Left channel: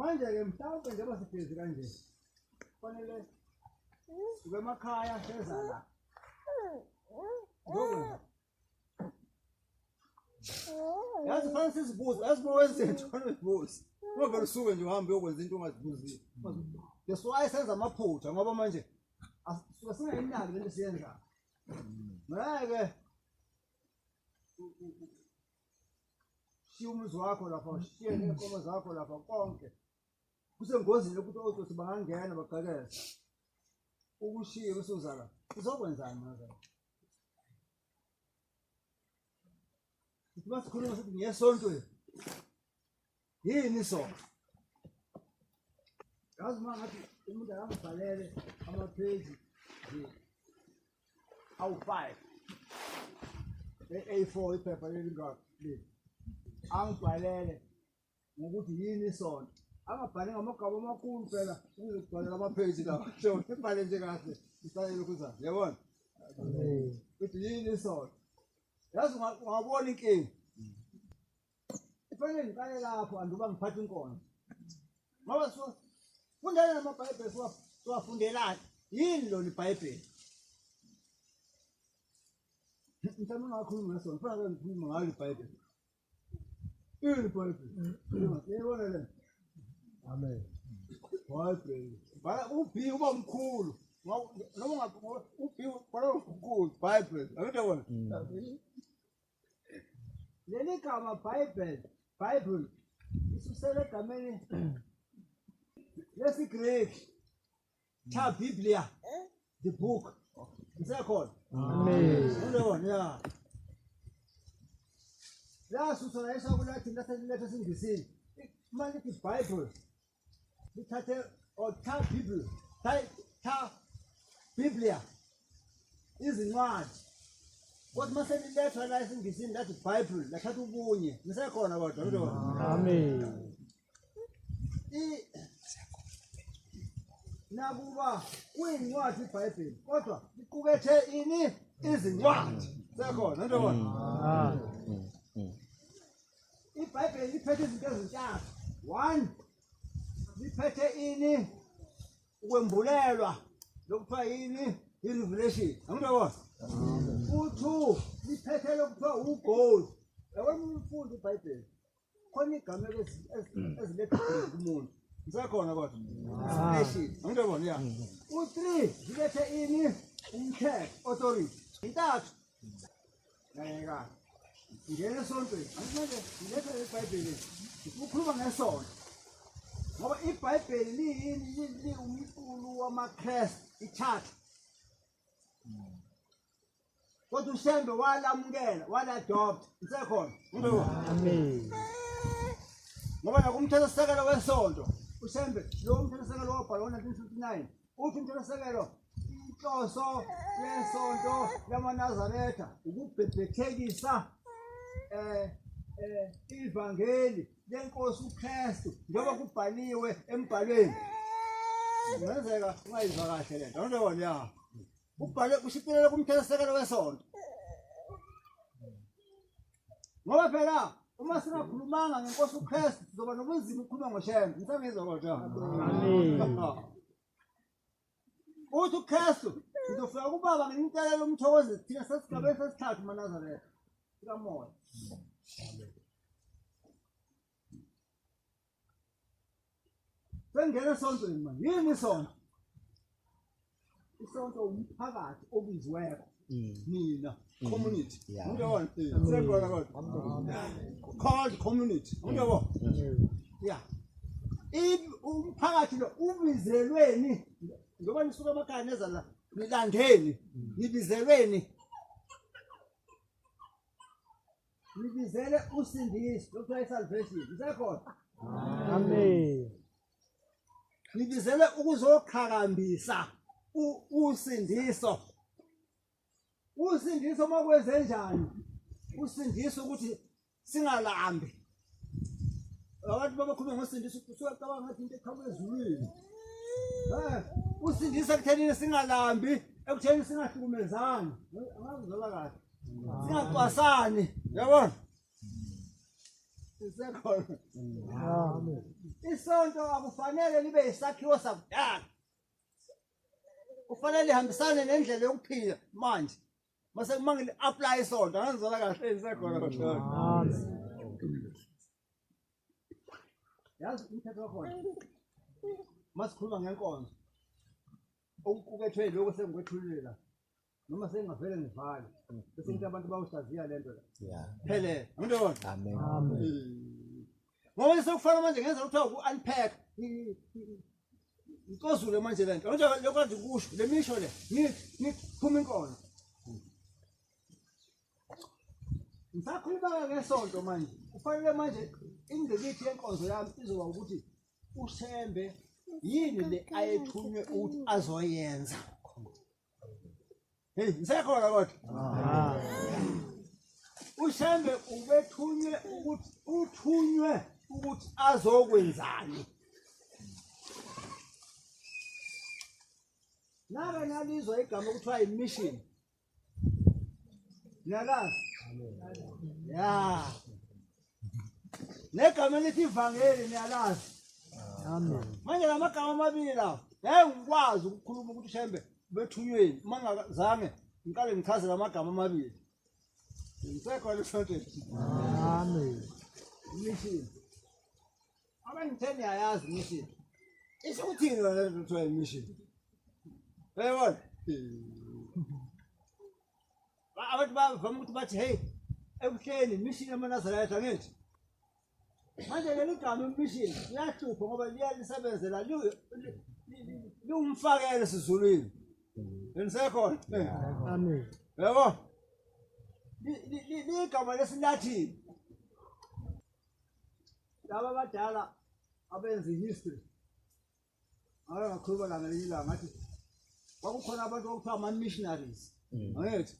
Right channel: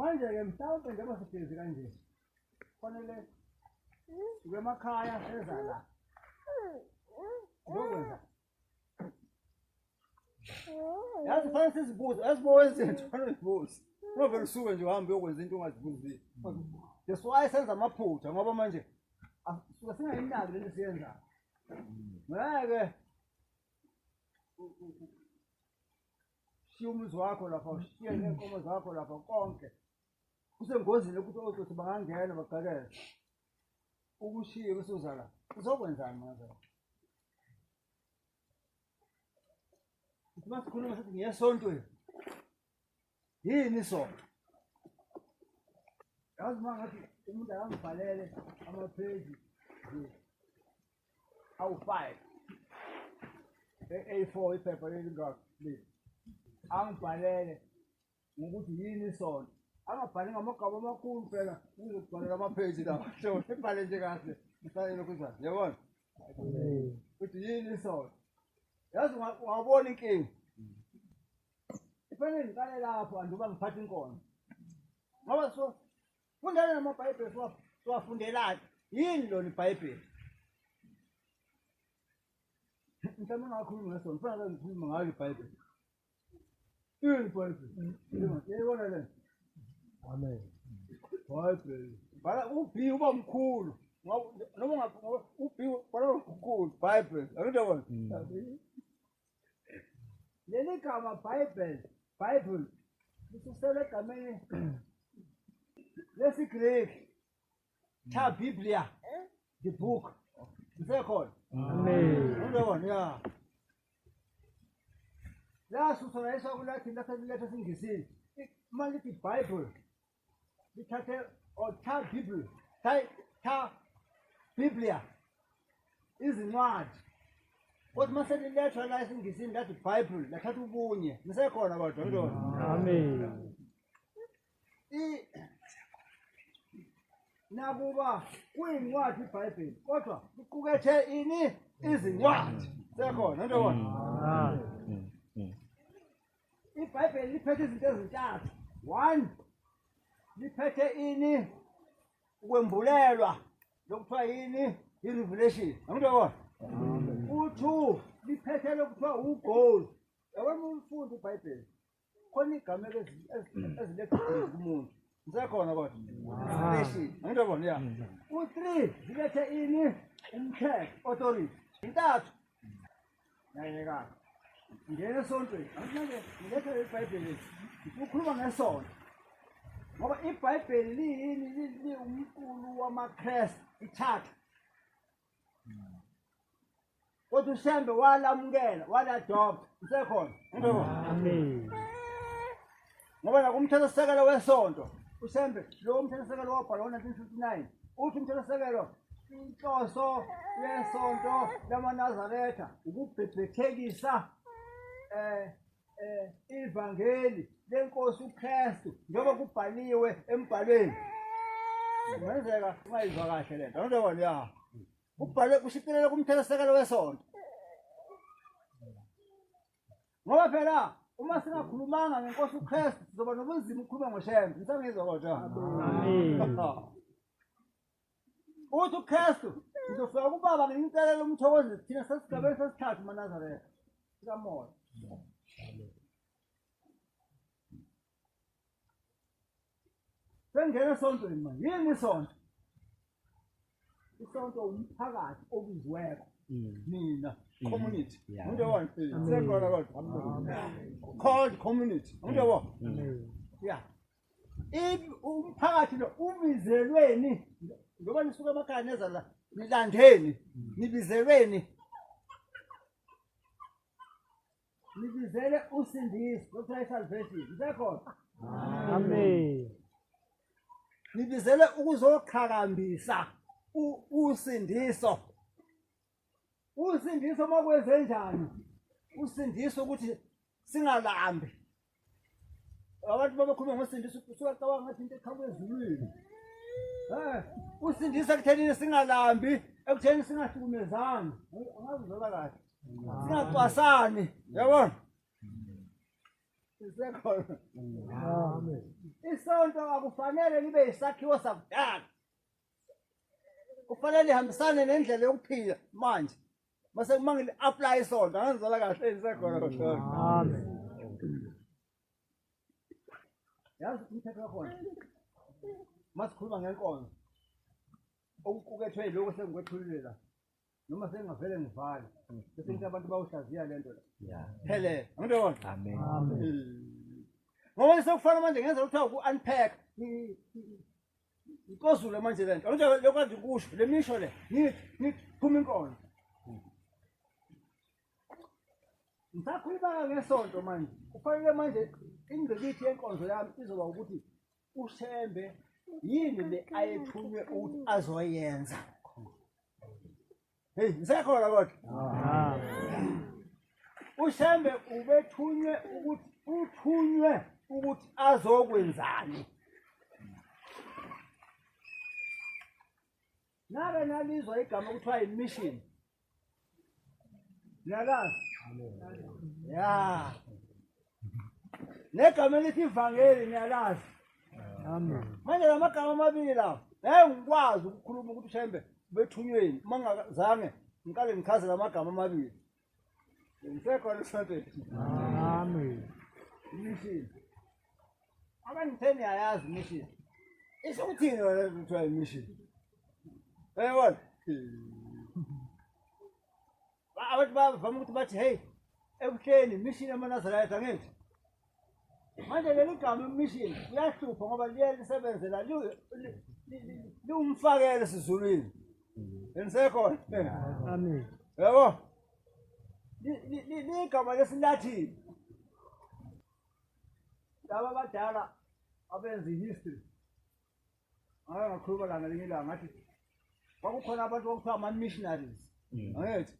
Manje ke mhlawumbe njengoba sihlezi kanje. Kufanele sibe emakhaya seza la. Ngokwenza. Yazi fanele sizibuze, asibo izinto fanele sizibuze. Ngoba usuke nje uhambe uyokwenza into ongazibuzile. That's why senza amaphutha ngoba manje asuke singayinaki lento siyenza. Ngeke shiya umuzi wakho lapha, shiye nenkomo zakho lapha konke. Kusengozini ukuthi otsotsi bangangena bagqekeze. Ukushiye kusuzala. Uzokwenzani manje? Uthi masikhuluma sithi ngiyesontweni. Yini isonto? Yazi mangathi umuntu akangibhalele ama-page nje awu-5 A4 iphepha leli angibhalele ngokuthi yini isonto. Angabhali ngamagama amakhulu phela ukuzobhalela ama-page lawa. So ibhale nje kahle ifanele ukuzana. Yabona? Uthi yini isonto? Yazi ungabona inkinga. Ifanele ngiqale lapho anduba ngiphatha inkonzo. Ngoba so fundela namabhayibheli siwafundelani? Yini lona iBhayibheli? Mhlawumbe ngakhuluma ngesonto, kufanele ngikhulume ngayo iBhayibheli. Yini iBhayibheli? Yebona le. Amen. Bible. Bala ubi uba mkhulu. Noma ubi bala mkhulu Bible. Angiyabona. Leli gama Bible isusele egameni lesiGreek cha Biblia, the book. Isekhona. Amen. Angiyabona ya. La susana esakulathi laselethe singisini. Manje iBhayibheli lithathe otha Bible ta Biblia izincwadi kodwa mase lilethwa la esingisini lathi iBhayibheli lathatha ubunye nisekhona kodwa ngidona. Amen. Nakuba kuyincwadi iBhayibheli kodwa iqukethe ini izincwadi sekhona ngidona. iBhayibheli liphethe izinto ezintathu. 1 liphethe ini ukwembulelwa lokuthiwa yini i-revelation. Angiyabona. U2 liphethe lokuthiwa ugold. Yabona umfundi iBhayibheli khona igama eziletha kumuntu. Nisekhona kodwa. Revelation. Angiyabona ya. U3 lilethe ini umthetho, authority. Intathu. Ngeke ngene esontweni. Angimanje ngilethe iBhayibheli. Ukukhuluma ngesonto. Ngoba iBhayibheli liyini umqulu wamaKristu ichurch. Kodwa ushembe walamukela, wala-adopt. Usekhona. Amen. Ngoba nakumthethosisekelo wesonto, ushembe lo mthethosisekelo wabhalwa ngo-1959. Uthi umthethosisekelo inhloso yesonto lamaNazaretha ukubhebhethekisa ivangeli lenkosi uKristu njengoba kubhaliwe embhalweni. Kungenzeka ungayizwa kahle lento. Angiyabona ya. Kubhalwe kushicilelwe kumthethosisekelo wesonto. Ngoba phela uma singakhulumanga ngenkosi uKristu sizoba nobunzima ukukhuluma ngoshembe. Nisangizwa kodwa. Amen. Uthi uKristu uzofika kubaba ngentelelo umthokozi thina sesigabeni sesithathu maNazaretha. Sikamoya. Sengena esontweni manje. Yini isonto? Isonto umphakathi obiziweko. Nina community. Ngiyabona. Sekhona kodwa. Called community. Ngiyabona. Yeah. Umphakathi lo ubizelweni ngoba nisuka emakhaya neza la nilandeni nibizelweni. Nibizele usindiso lokuthiwa isalvation. Nisekhona? Amen. Nibizele ukuzoqhakambisa usindiso. Usindiso makwenze njani? Usindiso ukuthi singalambi. Abantu babakhuluma ngosindiso kusuka cabanga ngathi into ekhamba ezulwini. Usindiso ekutheni singalambi, ekutheni singahlukumezani. Angazizwela kahle. Singacwasani, yabona? Isekhona. Amen. Isonto akufanele libe isakhiwo sakudala. Kufanele lihambisane nendlela yokuphila manje. Mase kumangile apply isonto angizwala kahle isekhona. Amen. Yazi umthetho wakhona. Masikhuluma ngenkonzo. Okuqukethwe lokho sengikwethulile la. Noma sengavele ngivale. Bese ngithi abantu bawuhlaziya lento la. Yeah. Phele. Angibona? Amen. Amen. Ngoba sekufana manje ngenza ukuthi uku-unpack ikozule manje lento angisho lokwazi ukusho le misho le ngiphuma inkonzo ngisakhuluma ngesonto manje kufanele manje ingqikithi yenkonzo yami izoba ukuthi ushembe yini le ayethunywe ukuthi azoyenza hey ngisekhona kodwa ushembe ubethunywe ukuthi uthunywe ukuthi azokwenzani nabe nalizwa igama kuthiwa imission niyalazi ya negama elithi ivangeli niyalazi Amen. manje lamagama amabili lawo ngikwazi ukukhuluma ukuthi ushembe bethunyweni mangazange ngiqale ngichaze lamagama amabili ngisekhona esontweni Amen. mission abangitheni ayazi mission isho ukuthini wena kuthiwa imission yabona abantu bavama ukuthi bathi hey ebuhleni mission yamanazareth angithi manje leli gama mission liyahlupha ngoba liyanisebenzela liwumfakele sizulwini yenisekhona Amen. yabo ligama lesilathini laba abadala abenza history ngakhuluma la ngelinye ilanga ngathi kwakukhona abantu okuthiwa ama-missionaries angithi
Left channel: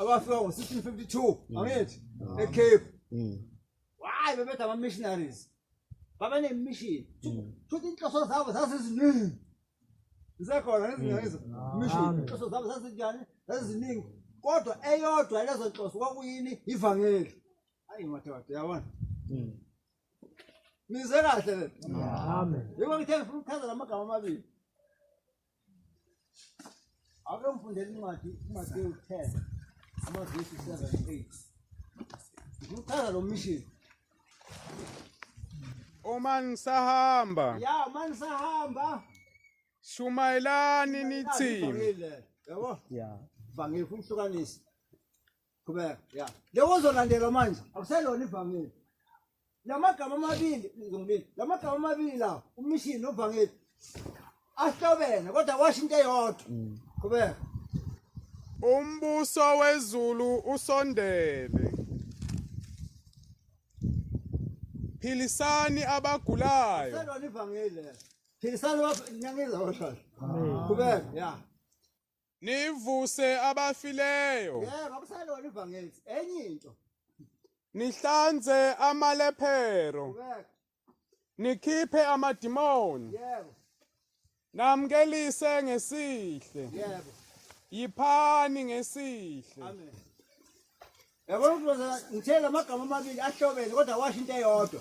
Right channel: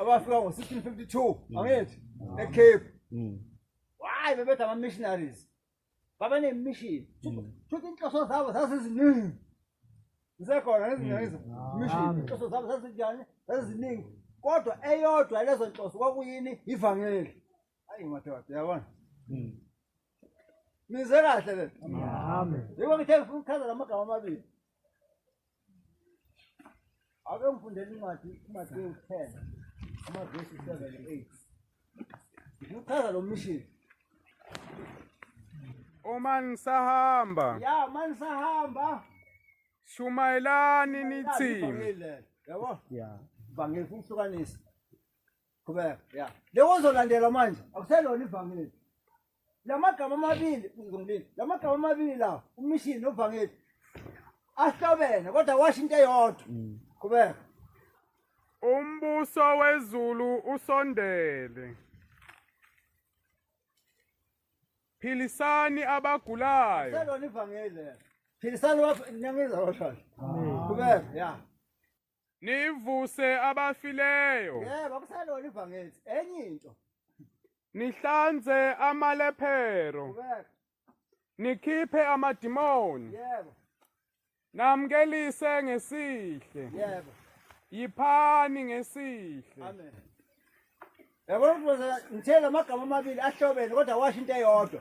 abafika ngo-1652 angithi eCape hayi bebethi ama-missionaries babenemission futhi inhloso zabo zaziziningi zisekhona ngezinyayizo mission inhloso zabo zaziziningi kodwa eyodwa lezo nhloso kwakuyini ivangeli hayi madoda yabona nize kahle le Amen. yebo ngithe ngifuna ukuchaza lamagama amabili ake ngifundele incwadi uMathewu 10 amavesi 7-8 ngikuchaza lo mission Uma ngisahamba ya manje sahamba shumayelani nithi yabo Yeah. ivangeli ufuna ukuhlukanisa qhubeka ya lewo zolandela manje akuselona ivangeli lamagama amabili ngizongilini lamagama amabili la umission novangeli ahlobene kodwa washo into eyodwa qhubeka umbuso wezulu usondele. Philisani abagulayo. selona ivangeli philisani nyangiza washo Amen. qhubeka ya Nivuse abafileyo. yebo akuselona ivangeli enye into Nihlanze amalephero. qhubeka Nikhiphe amadimoni. yebo Namkelise ngesihle. yebo Yiphani ngesihle. amen yabo ngithela amagama amabili ahlobene kodwa washo into eyodwa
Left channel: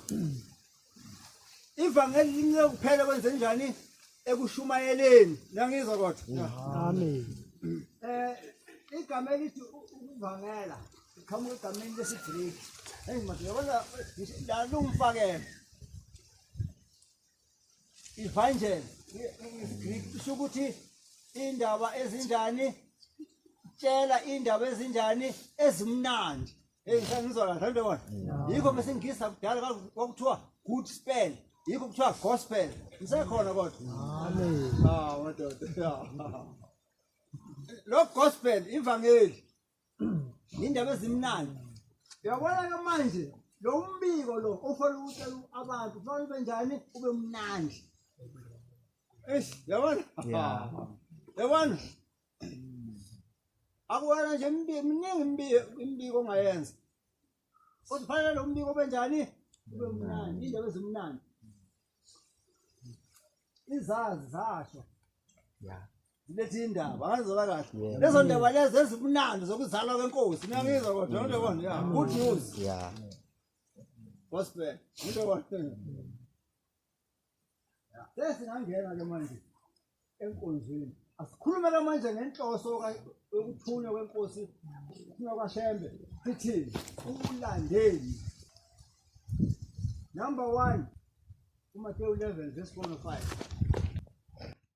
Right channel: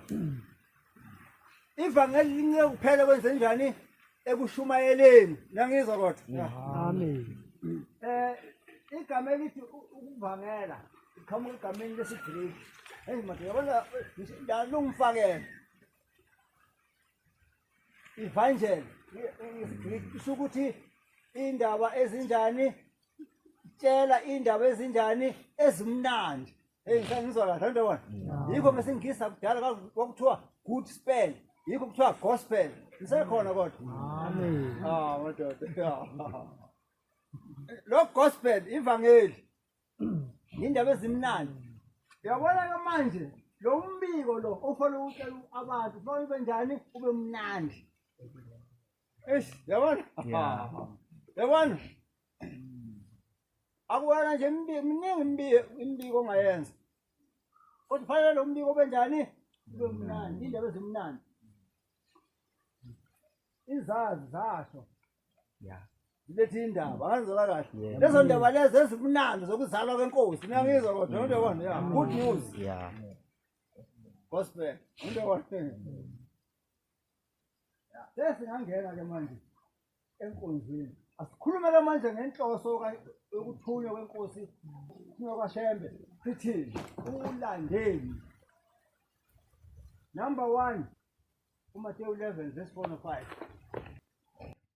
ivangeli lincike kuphela kwenze njani ekushumayeleni nangizwa kodwa Amen. igama elithi ukuvangela iqhamuka egameni lesiGreek hey manje yabona la lungifakela evangel isiGreek isho ukuthi indaba ezinjani tshela indaba ezinjani ezimnandi hey ngizwa kahle nto wona yikho ngesingisa kudala kwakuthiwa good spell yikho kuthiwa gospel isekhona kodwa Amen. madoda lo gospel ivangeli indaba ezimnandi uyabona ke manje lo umbiko lo ofanele ukutshela abantu kufanele ube njani ube mnandi yabona yabona akuwena nje miningi imbiko ongayenza kodwa kufanele lo mbiko ube njani ube mnandi indaba ezimnandi izazi zasho Yeah. zilethi indaba angizwela kahle lezo ndaba lezo ezimnandi zokuzalwa kwenkosi niyangizwa kodwa nto yabona ya good news Yeah. gospel. Undabona? Sesingangena ke manje enkonzweni. Asikhulume ke manje ngenhloso yokuthunywa kwenkosi ukuthunywa kwaShembe. Sithi ulandeli. Number 1 uMateyu 11 verse 4 and 5.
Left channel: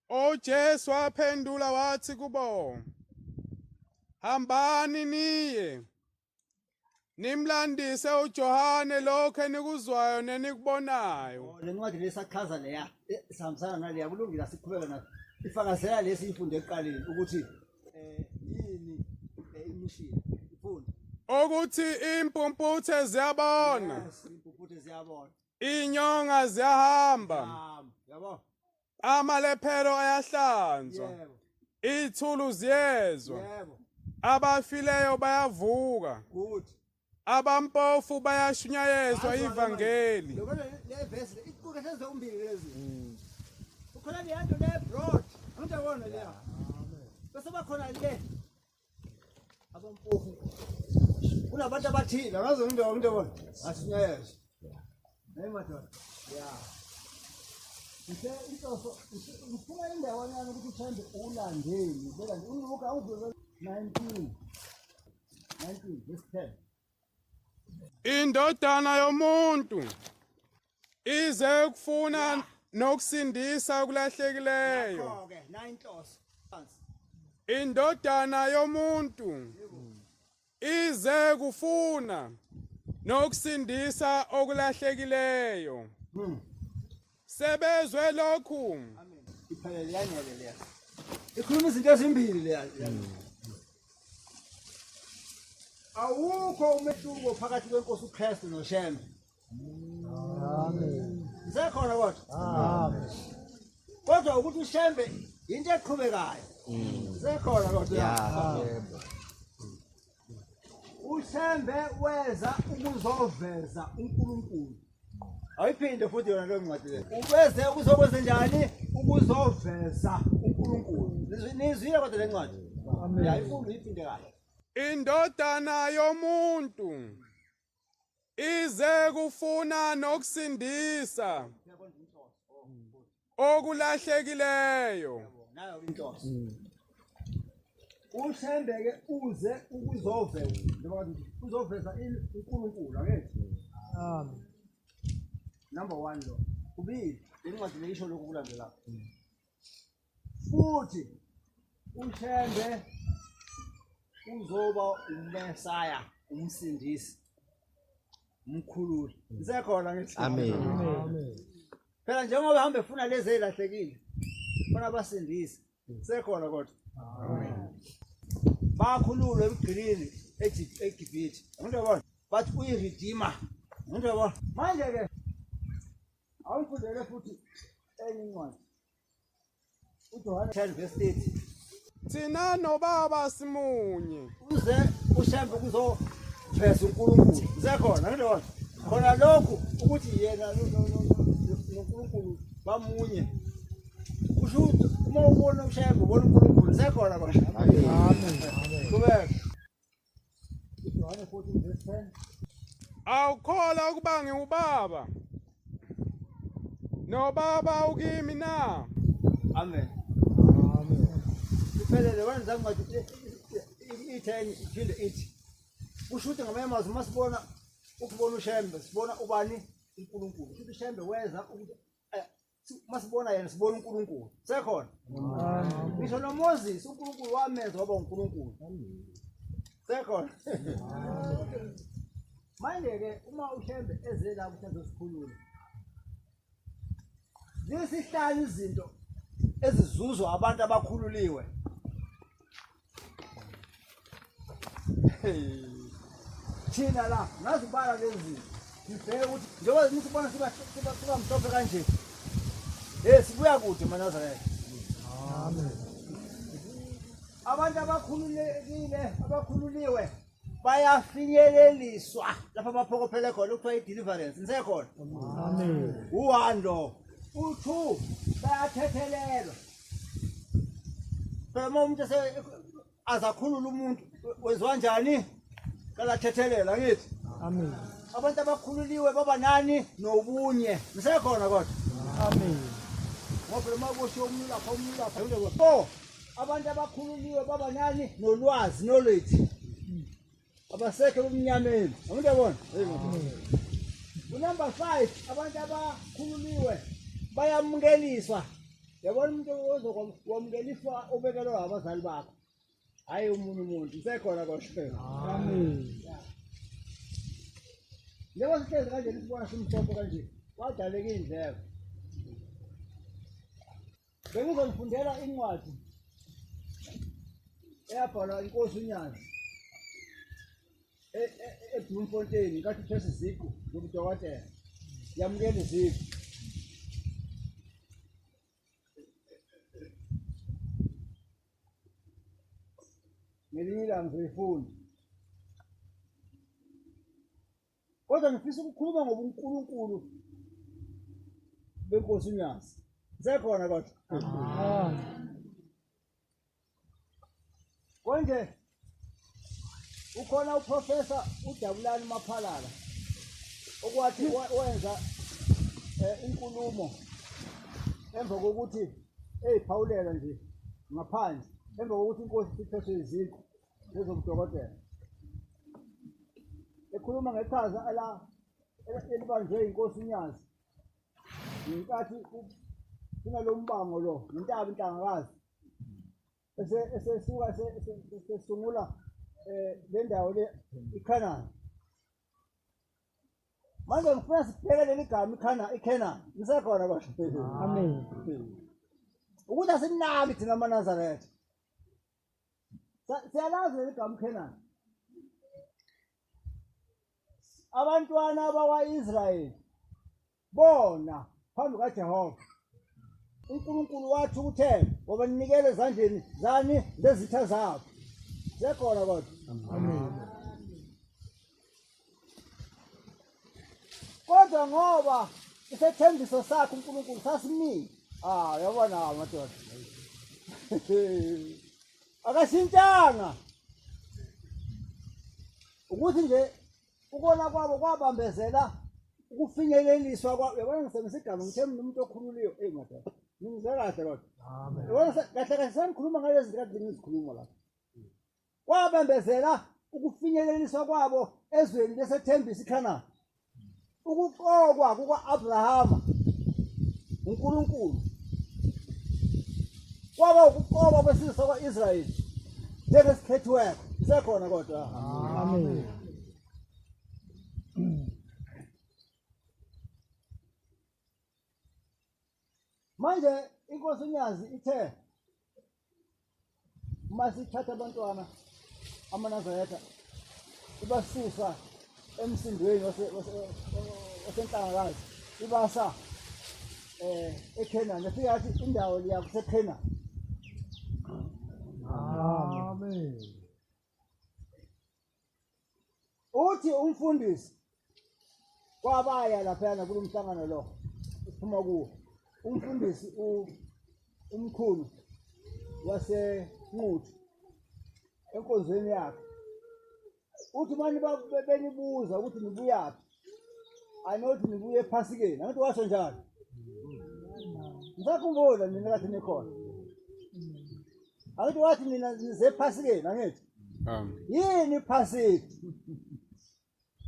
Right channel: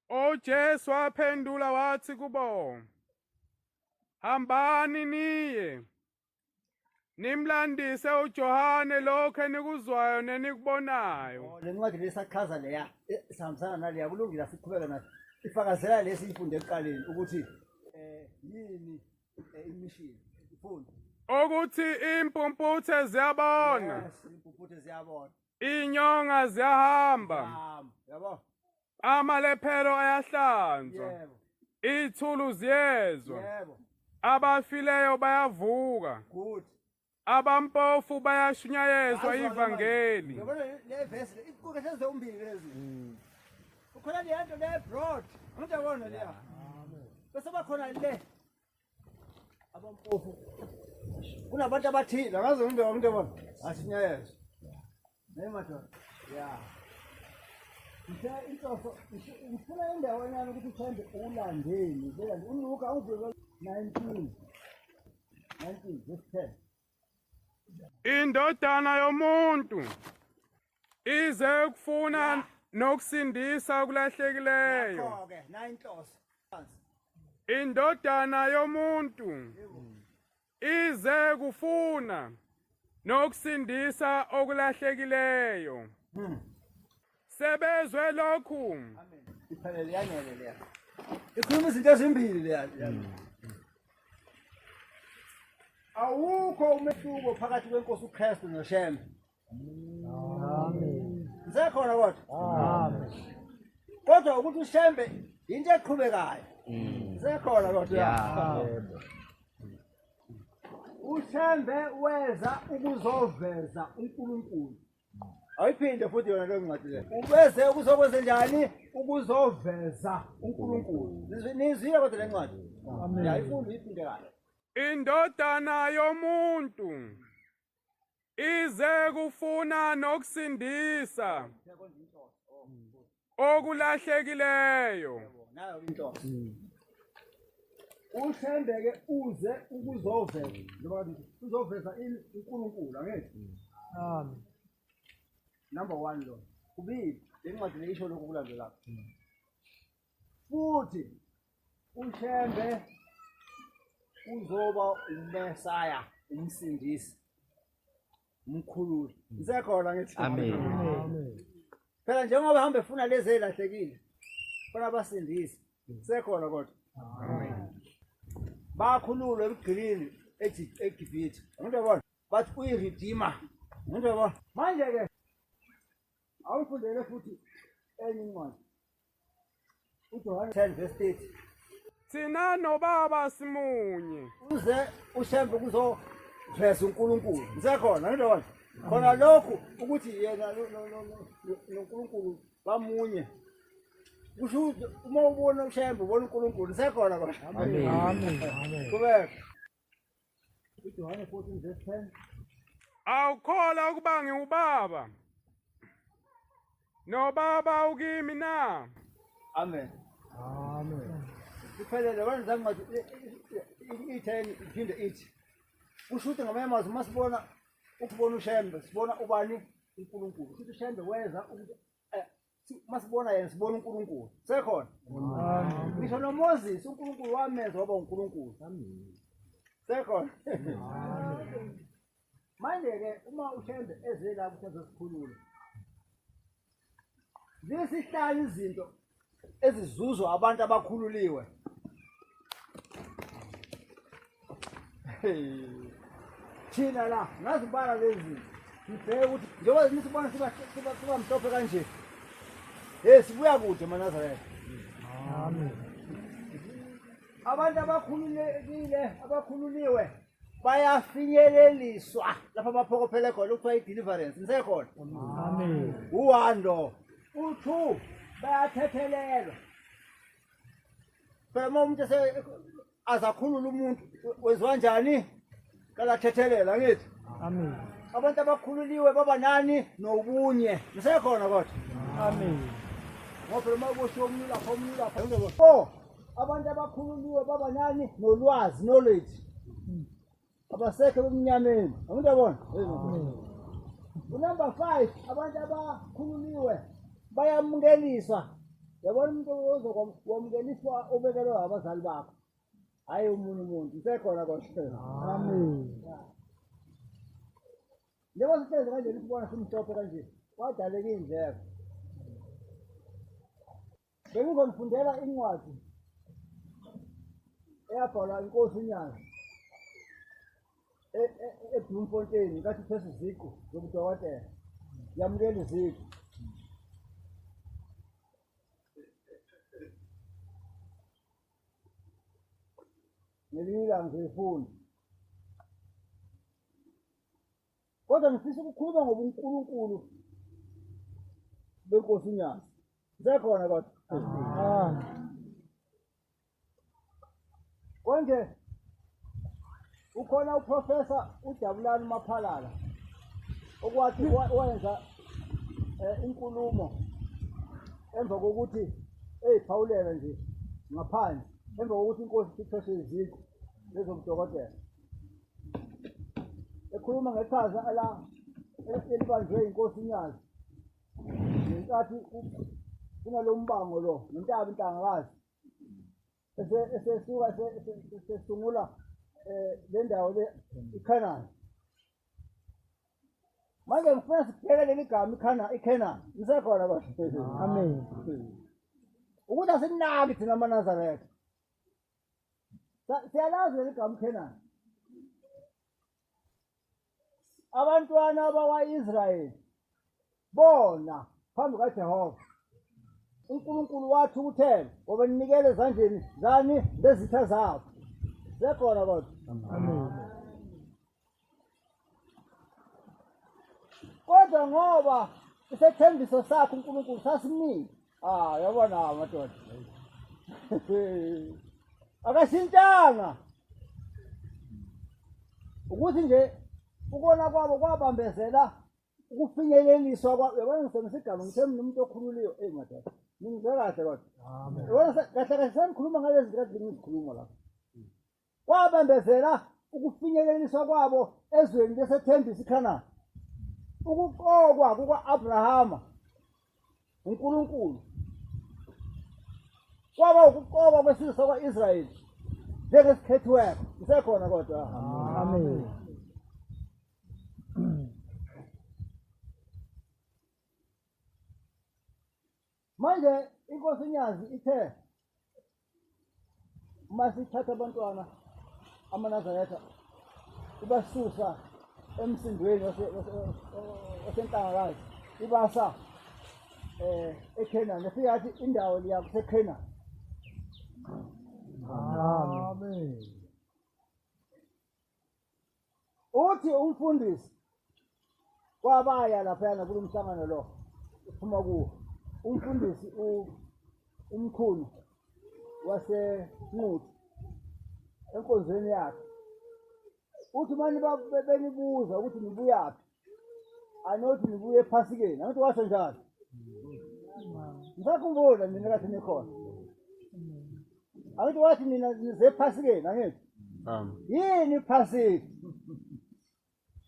uJesu waphendula wathi kubo, hambani niye nimlandise uJohane lokho enikuzwayo nenikubonayo. Le ncwadi lesachaza leya sihambisana naleya kulungile siqhubeka nayo. Ifakazela lesi ifunde eqaleni ukuthi yini imishini ifunde. Ukuthi impumputhe ziyabona. Yes, impumputhe ziyabona. Inyonga ziyahamba. Yabo. Amalephero ayahlanzwa. Yebo. Ithulu ziyezwa. Yebo. Abafileyo bayavuka. Good. Abampofu bayashunyayezwa ivangeli. Yabona le verse iqukethe zombili lezi. Ukhona le nto le broad. Angiyabona leya. Bese bakhona le abampofu. Kunabantu abathile ngaze ngiyabona. Ashinyayezwa. Hey madoda. Yeah. Ngifuna indawo yana ukuthi uthande ulandeli. Beka uNluka uvele 19 verse 10. Indodana yomuntu ize ukufuna nokusindisa okulahlekileyo. Yakho-ke 9 inhloso. Indodana yomuntu ize kufuna nokusindisa okulahlekileyo. Sebezwe lokhu. Amen. Iphelele yanele leya. Ikhuluma izinto ezimbili leya. Awukho umehluko phakathi kwenkosi uKristu noShembe. Amen. Ngisekhona kodwa. Amen. Kodwa ukuthi uShembe into eqhubekayo. Ngisekhona kodwa. uShembe weza ukuzoveza uNkulunkulu. Ayiphinde futhi yona leyo ncwadi le. Ubeze ukuzokwenza njani? Ukuzoveza uNkulunkulu. Nizwile kodwa le ncwadi. Amen. Yayifunde iphinde kahle. Indodana yomuntu ize kufuna nokusindisa okulahlekileyo. Nayo inhloso. uShembe ke uze ukuzoveza njengoba uzoveza uNkulunkulu angithi. Amen. Number 1 lo. Kubili le ncwadi le isho lokhu kulandela. Futhi uShembe uzoba uMesaya, umsindisi, umkhululi. Ngisekhona ngithi. Amen. Amen. Phela njengoba hamba efuna lezi elahlekile. Funa abasindisi. Ngisekhona kodwa. Bakhululwe eBuhleni eGibhithe. Ngiyabona. Bathi uyiredeemer. Ngiyabona. Manje ke awufundele futhi enye incwadi. uJohane 10 verse 30. Thina nobaba simunye. Uze uShembe kuzoveza uNkulunkulu. Ngisekhona ngiyabona. Khona lokhu ukuthi yena noNkulunkulu bamunye. Kusho ukuthi uma ubona uShembe ubona uNkulunkulu ngisekhona kodwa. Amen. Amen. Kubeka. uJohane 14 verse 10. Awukholwa ukuba ngiubaba. Nobaba ukimi na. Amen. Amen. Iphelele wena ncwadi i10 iphinde ithi. Kusho ukuthi ngamanye amazwi masibona ukubona uShembe sibona ubani uNkulunkulu. Kusho ukuthi uShembe weza ukuthi masibona yena sibona uNkulunkulu. Sekhona. Amen. Ngisho noMoses uNkulunkulu wamenza waba uNkulunkulu. Sekhona. Manje ke uma uShembe eze la ukuthi azosikhulula. Zisihlanu izinto ezizuzwa abantu abakhululiwe. Thina la ngazibala lezi ngibheke ukuthi njengoba nisibona siba mhlophe kanje. Sibuya kude nazareth. Amen. Abantu abakhululiwe bayafinyeleliswa lapha baphokophele khona ukuthiwa i-deliverance. Nisekhona. Amen. U1 lo. U2 bayathethelelwa. Phela uma umuntu azakhulula umuntu wenziwa njani? Kala thethelela ngithi. Amen. abantu abakhululiwe baba nani nobunye nisekhona kodwa Amen. ngoba uma kusho umuntu lapha ngeke abantu abakhululiwe baba nani nolwazi knowledge abasekho kumnyameni umuntu yabona number 5 abantu abakhululiwe bayamukeliswa yabona umuntu ozokwamkeliswa ubekelwe abazali bakho hayi umuntu nisekhona kodwa Amen. Njengoba sihlezi kanje sibona simhlophe kanje wadaleka indleko bengizonifundela incwadi eyabhalwa inkosi uNyazi eBloemfontein kathi phese iziqu zobudokotela yamukela iziqu ngelinye ilanga ngiyifunda kodwa ngifisa ukukhuluma ngobuNkulunkulu benkosi uNyazi nisekhona kodwa konje ukhona uprofessor uJabulani Maphalala okwathi wenza inkulumo emva kokuthi eyiphawulela nje ngaphandle emva kokuthi inkosi iphethwe iziqu lezobudokotela ekhuluma ngeqhaza elibanjwe inkosi uNyazi ngenkathi kunalombango lo ngentaba inhlangakazi esesuka sesungula le ndawo le iKhanani manje ngifuna sibheke leli gama iKhanani nisekhona kodwa Amen. ukuthi asinaki thina amaNazareth siyalazi leli gama iKhanani abantwana bakwa-Israyeli bona phambi kaJehova uNkulunkulu wathi ukuthela ngoba ninikele ezandleni zani lezitha zabo sekhona kodwa Amen. kodwa ngoba isethembiso sakhe uNkulunkulu sasiningi yabona madoda akashintshanga ukuthi nje ukona kwabo kwabambezela ukufinyeleliswa kwabo yabona ngisebenzisa igama ngithe mina umuntu okhululiwe madoda ngizwe kahle kodwa yabona kahle kahle sengikhuluma ngalezi zinto ngizikhuluma lapha kwabambezela ukufinyeleliswa kwabo ezweni lesethembisa iKhanani ukuqokwa kuka-Abrahama uNkulunkulu kwaba ukuqokwa kwesizwe sakwa-Israyeli njengesikhethiweyo isekhona kodwa Amen. manje inkosi uNyazi ithe masithatha abantwana amaNazaretha ibasusa emsindweni wasenhlangakazi ibasa eKhanani efika athi indawo liya kuseKhanani Amen. uthi umfundisi kwabaya laphana kulo mhlangano lo uphuma kuwo umfundisi umkhulu waseNquthu enkonzweni yakhe uthi manje benibuza ukuthi nibuyaphi anothi nibuye ePhasikeni angithi washo njalo ngisakhumbula mina kathi nikhona angithi wathi nina nize ePhasikeni angithi yini iPhasika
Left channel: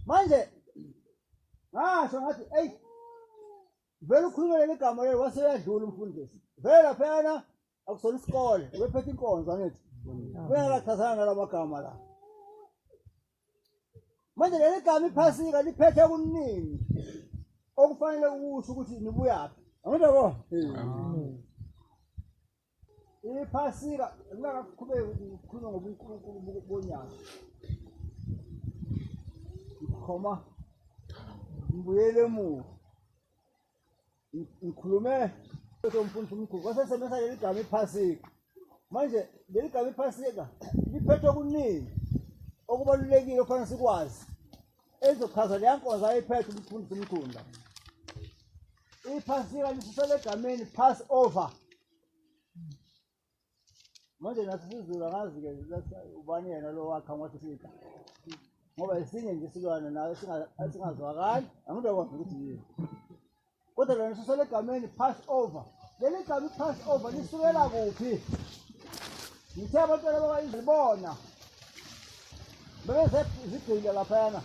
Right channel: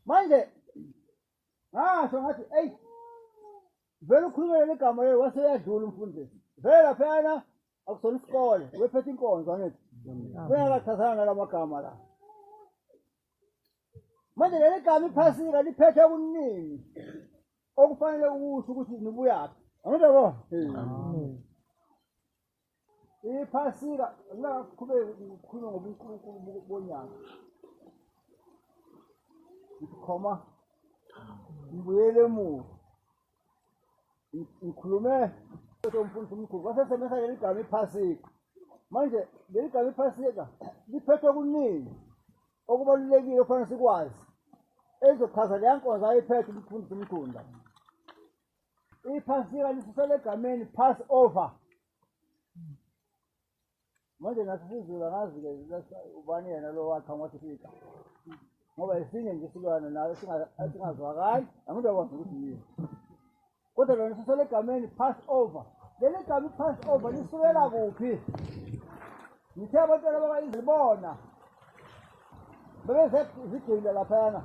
manje ngasho ngathi eyi vele ukhulumele legama lelo waseyadlula umfundisi vele laphana akusona isikole wephethe inkonzo angithi bengakachazana nalamagama la manje leli gama iPhasika liphethe kuningi okufanele ukusho ukuthi nibuyaphi angithi yabo iPhasika ngingaqhubeki ukukhuluma ngobuNkulunkulu bonyaka ikhoma ngibuyele emuva ngikhulume umfundisi omkhulu wasesebenzisa leli gama iPhasika manje leli gama iPhasika liphethwe kuningi okubalulekile okufanele sikwazi ezochaza leya nkonzo ayiphethe umfundisi omkhulu la iPhasika lisusela egameni Passover manje nathi sizula ngazi-ke ubani yena lo wakha ngwathi sika ngoba esinye nje isilwane nayo singazwakali angizokwazi ukuthi yini kodwa lona sisole egameni pass over leli gama pass over lisukela kuphi ngithe abantwana bakayizibona bese zigcile laphana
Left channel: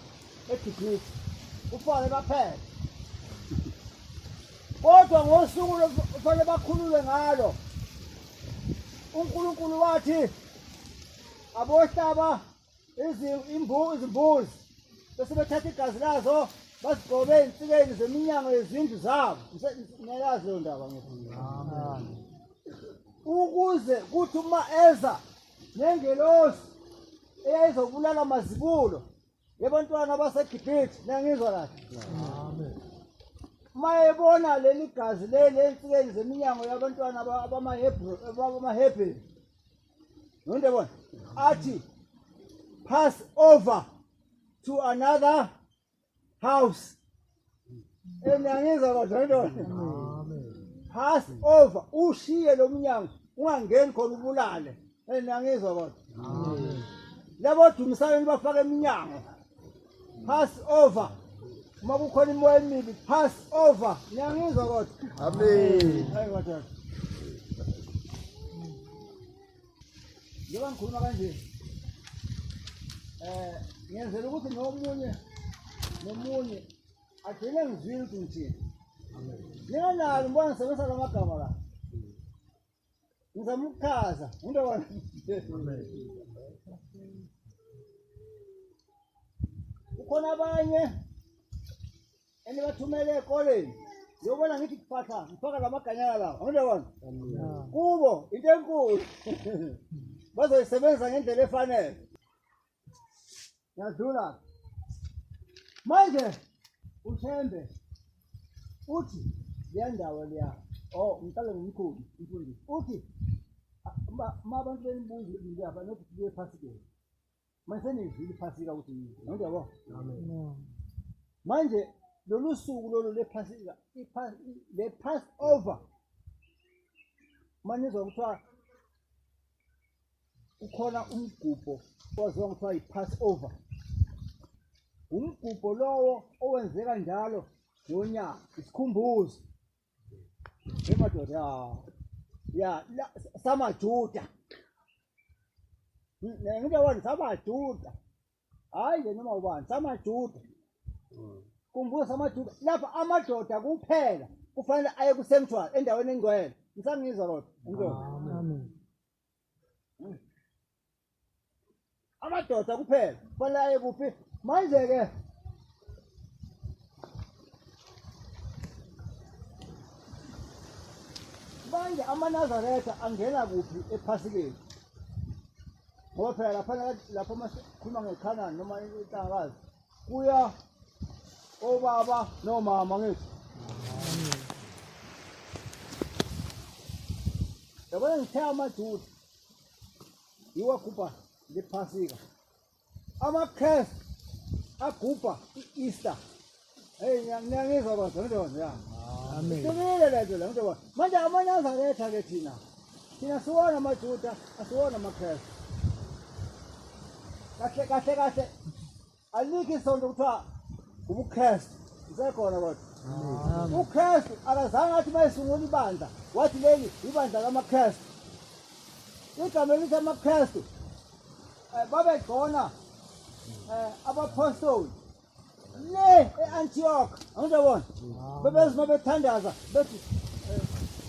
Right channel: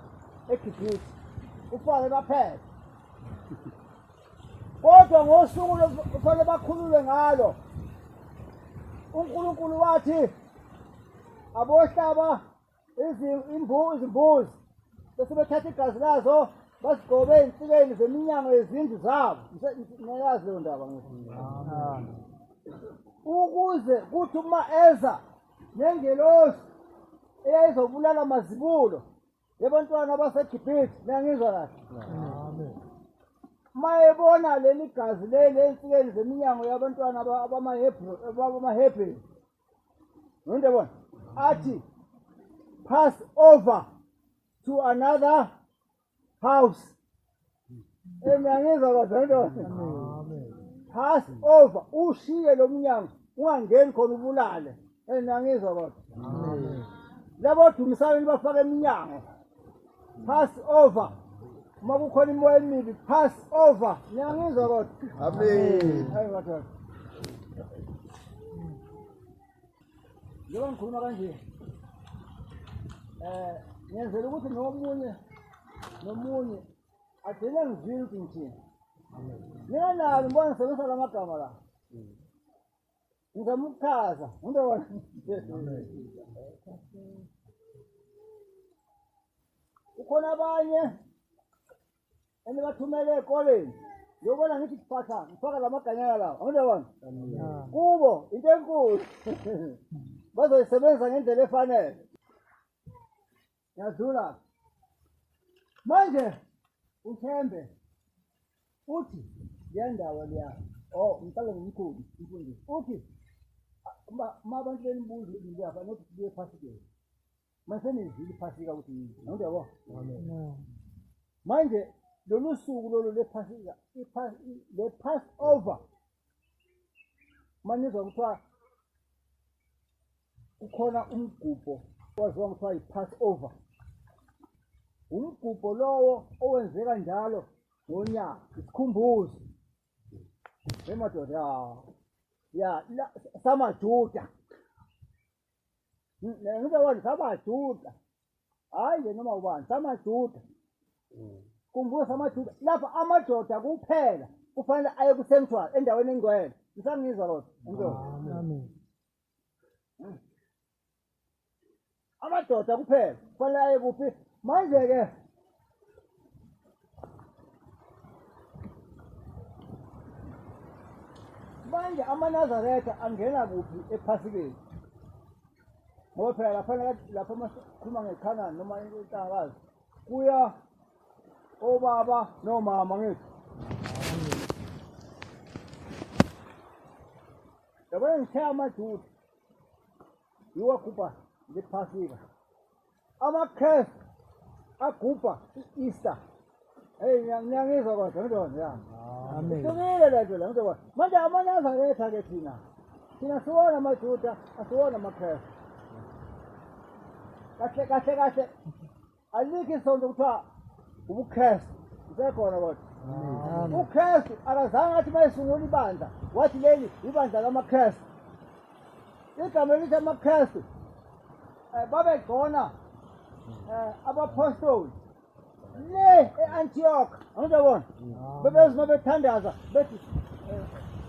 eGibhithe ufake baphela kodwa ngosuku lokufanele bakhululwe ngalo uNkulunkulu wathi abohlaba izimbuzi bese bethatha igazi lazo basigcobe ey'nsikeni zeminyango yezindlu zabo ngiyayazi leyo ndaba ukuze kuthi uma eza nengelosi eyayizobulala amazibulo yabantwana baseGibhithe nangizwa kahle uma ebona leli gazi leli ey'nsikeni zeminyango yabantwana abamaHebheru ngondebona athi pass over to another house nangizwa kahle pass over ushiye lo mnyango ungangeni khona ubulale nangizwa kahle labo dumisana bafaka eminyango pass over uma kukhona imoya emibi pass over niyangizwa kodwa amen hayi kodwa njengoba ngikhuluma kanje ngiyenzela ukuthi nomunye agcine ngizwile ukuthi ngithini ninganalo mbona ngisebenzisa la magama la ngizama ukuchaza ngindobona ukhona abanye enibathumele ekoleni yobona ngithi kuphatha ngifaka la maganyana lawo ngindobona kubo into enkulu bazoyisebenzisa ngendlela efanele yadlula manje ushembe uthi liyandawo liya ngicale ngimkhulu mfundisi uthi uma abantu benibuza ngiyapha nokuthi kuye ePhasikeni manje senizwile iPhasika ukuthi yini ngiyabona manje lolu suku lolu lePhasika le pass over manizwa kuthiwa ukhona umgubho waziwa kuthiwa i-pass over umgubho lowo owenzeka njalo ngonyaka isikhumbuzo emadoda samaJuda ngiyabona samaJuda hayi noma ubani samaJuda kumbuzo samaJuda lapha amadoda kuphela kufanele aye ku-sanctuary endaweni engcwele ngisangizwa kodwa amen amadoda kuphela kufanele aye kuphi manje ke manje amaNazaretha angena kuphi ePhasikeni ngoba phela lapha makhuluma ngeKhanani noma intangakazi kuya obaba nomama ngithi yabona ngithe amaJuda yiwo agubha lePhasika amaKrestu agubha i-Easter ngiyangizwa kodwa ngidona ya amen sibile lento la ngidona manje amaNazaretha ke thina siwona amaJuda asiwona amaKrestu kahle alikho isonto kuthiwa ubuKrestu isekhona kodwa uKrestu akazange athi mayisungula ibandla wathi leli ibandla lamaKrestu igama elithi amaKrestu babegcona abapostoli le e-Antioch angizobona bebezima bethandaza bethi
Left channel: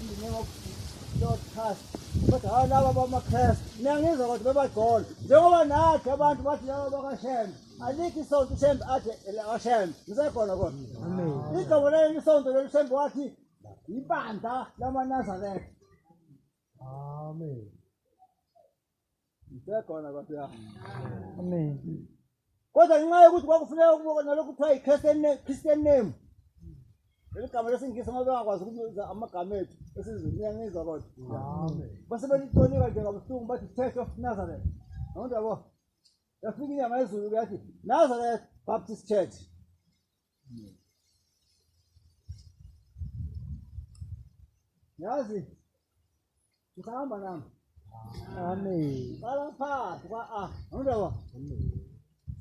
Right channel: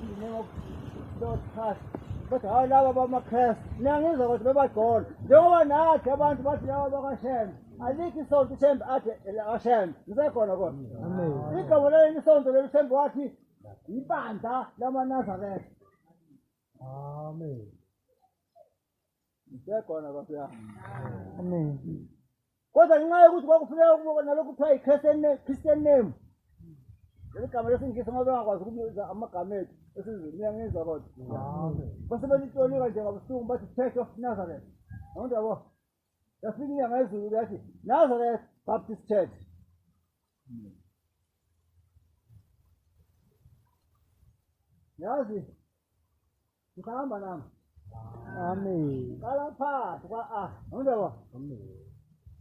in the name of Lord Christ kodwa hayi laba bamaKrestu niyangizwa kodwa bebagcona njengoba nathi abantu bathi laba bakwaShembe alikho isonto uShembe athi aShembe ngisekhona kodwa amen igama leli isonto leli uShembe wathi ibandla lamaNazaretha amen ngisekhona kodwa amen kodwa ngenxa yokuthi kwakufuneka ukubona lokhu kuthiwa i-Christian name leli gama lesingisi ngoba bengakwazi ukubiza amagama ethu esizweni niyangizwa kodwa base belitonika njengabuhlungu bathi Church of Nazareth ngiyabona yafika inyanga yezulu yathi Nazareth Baptist Church yazi ngihamba nami amen qala phansi ngiyabona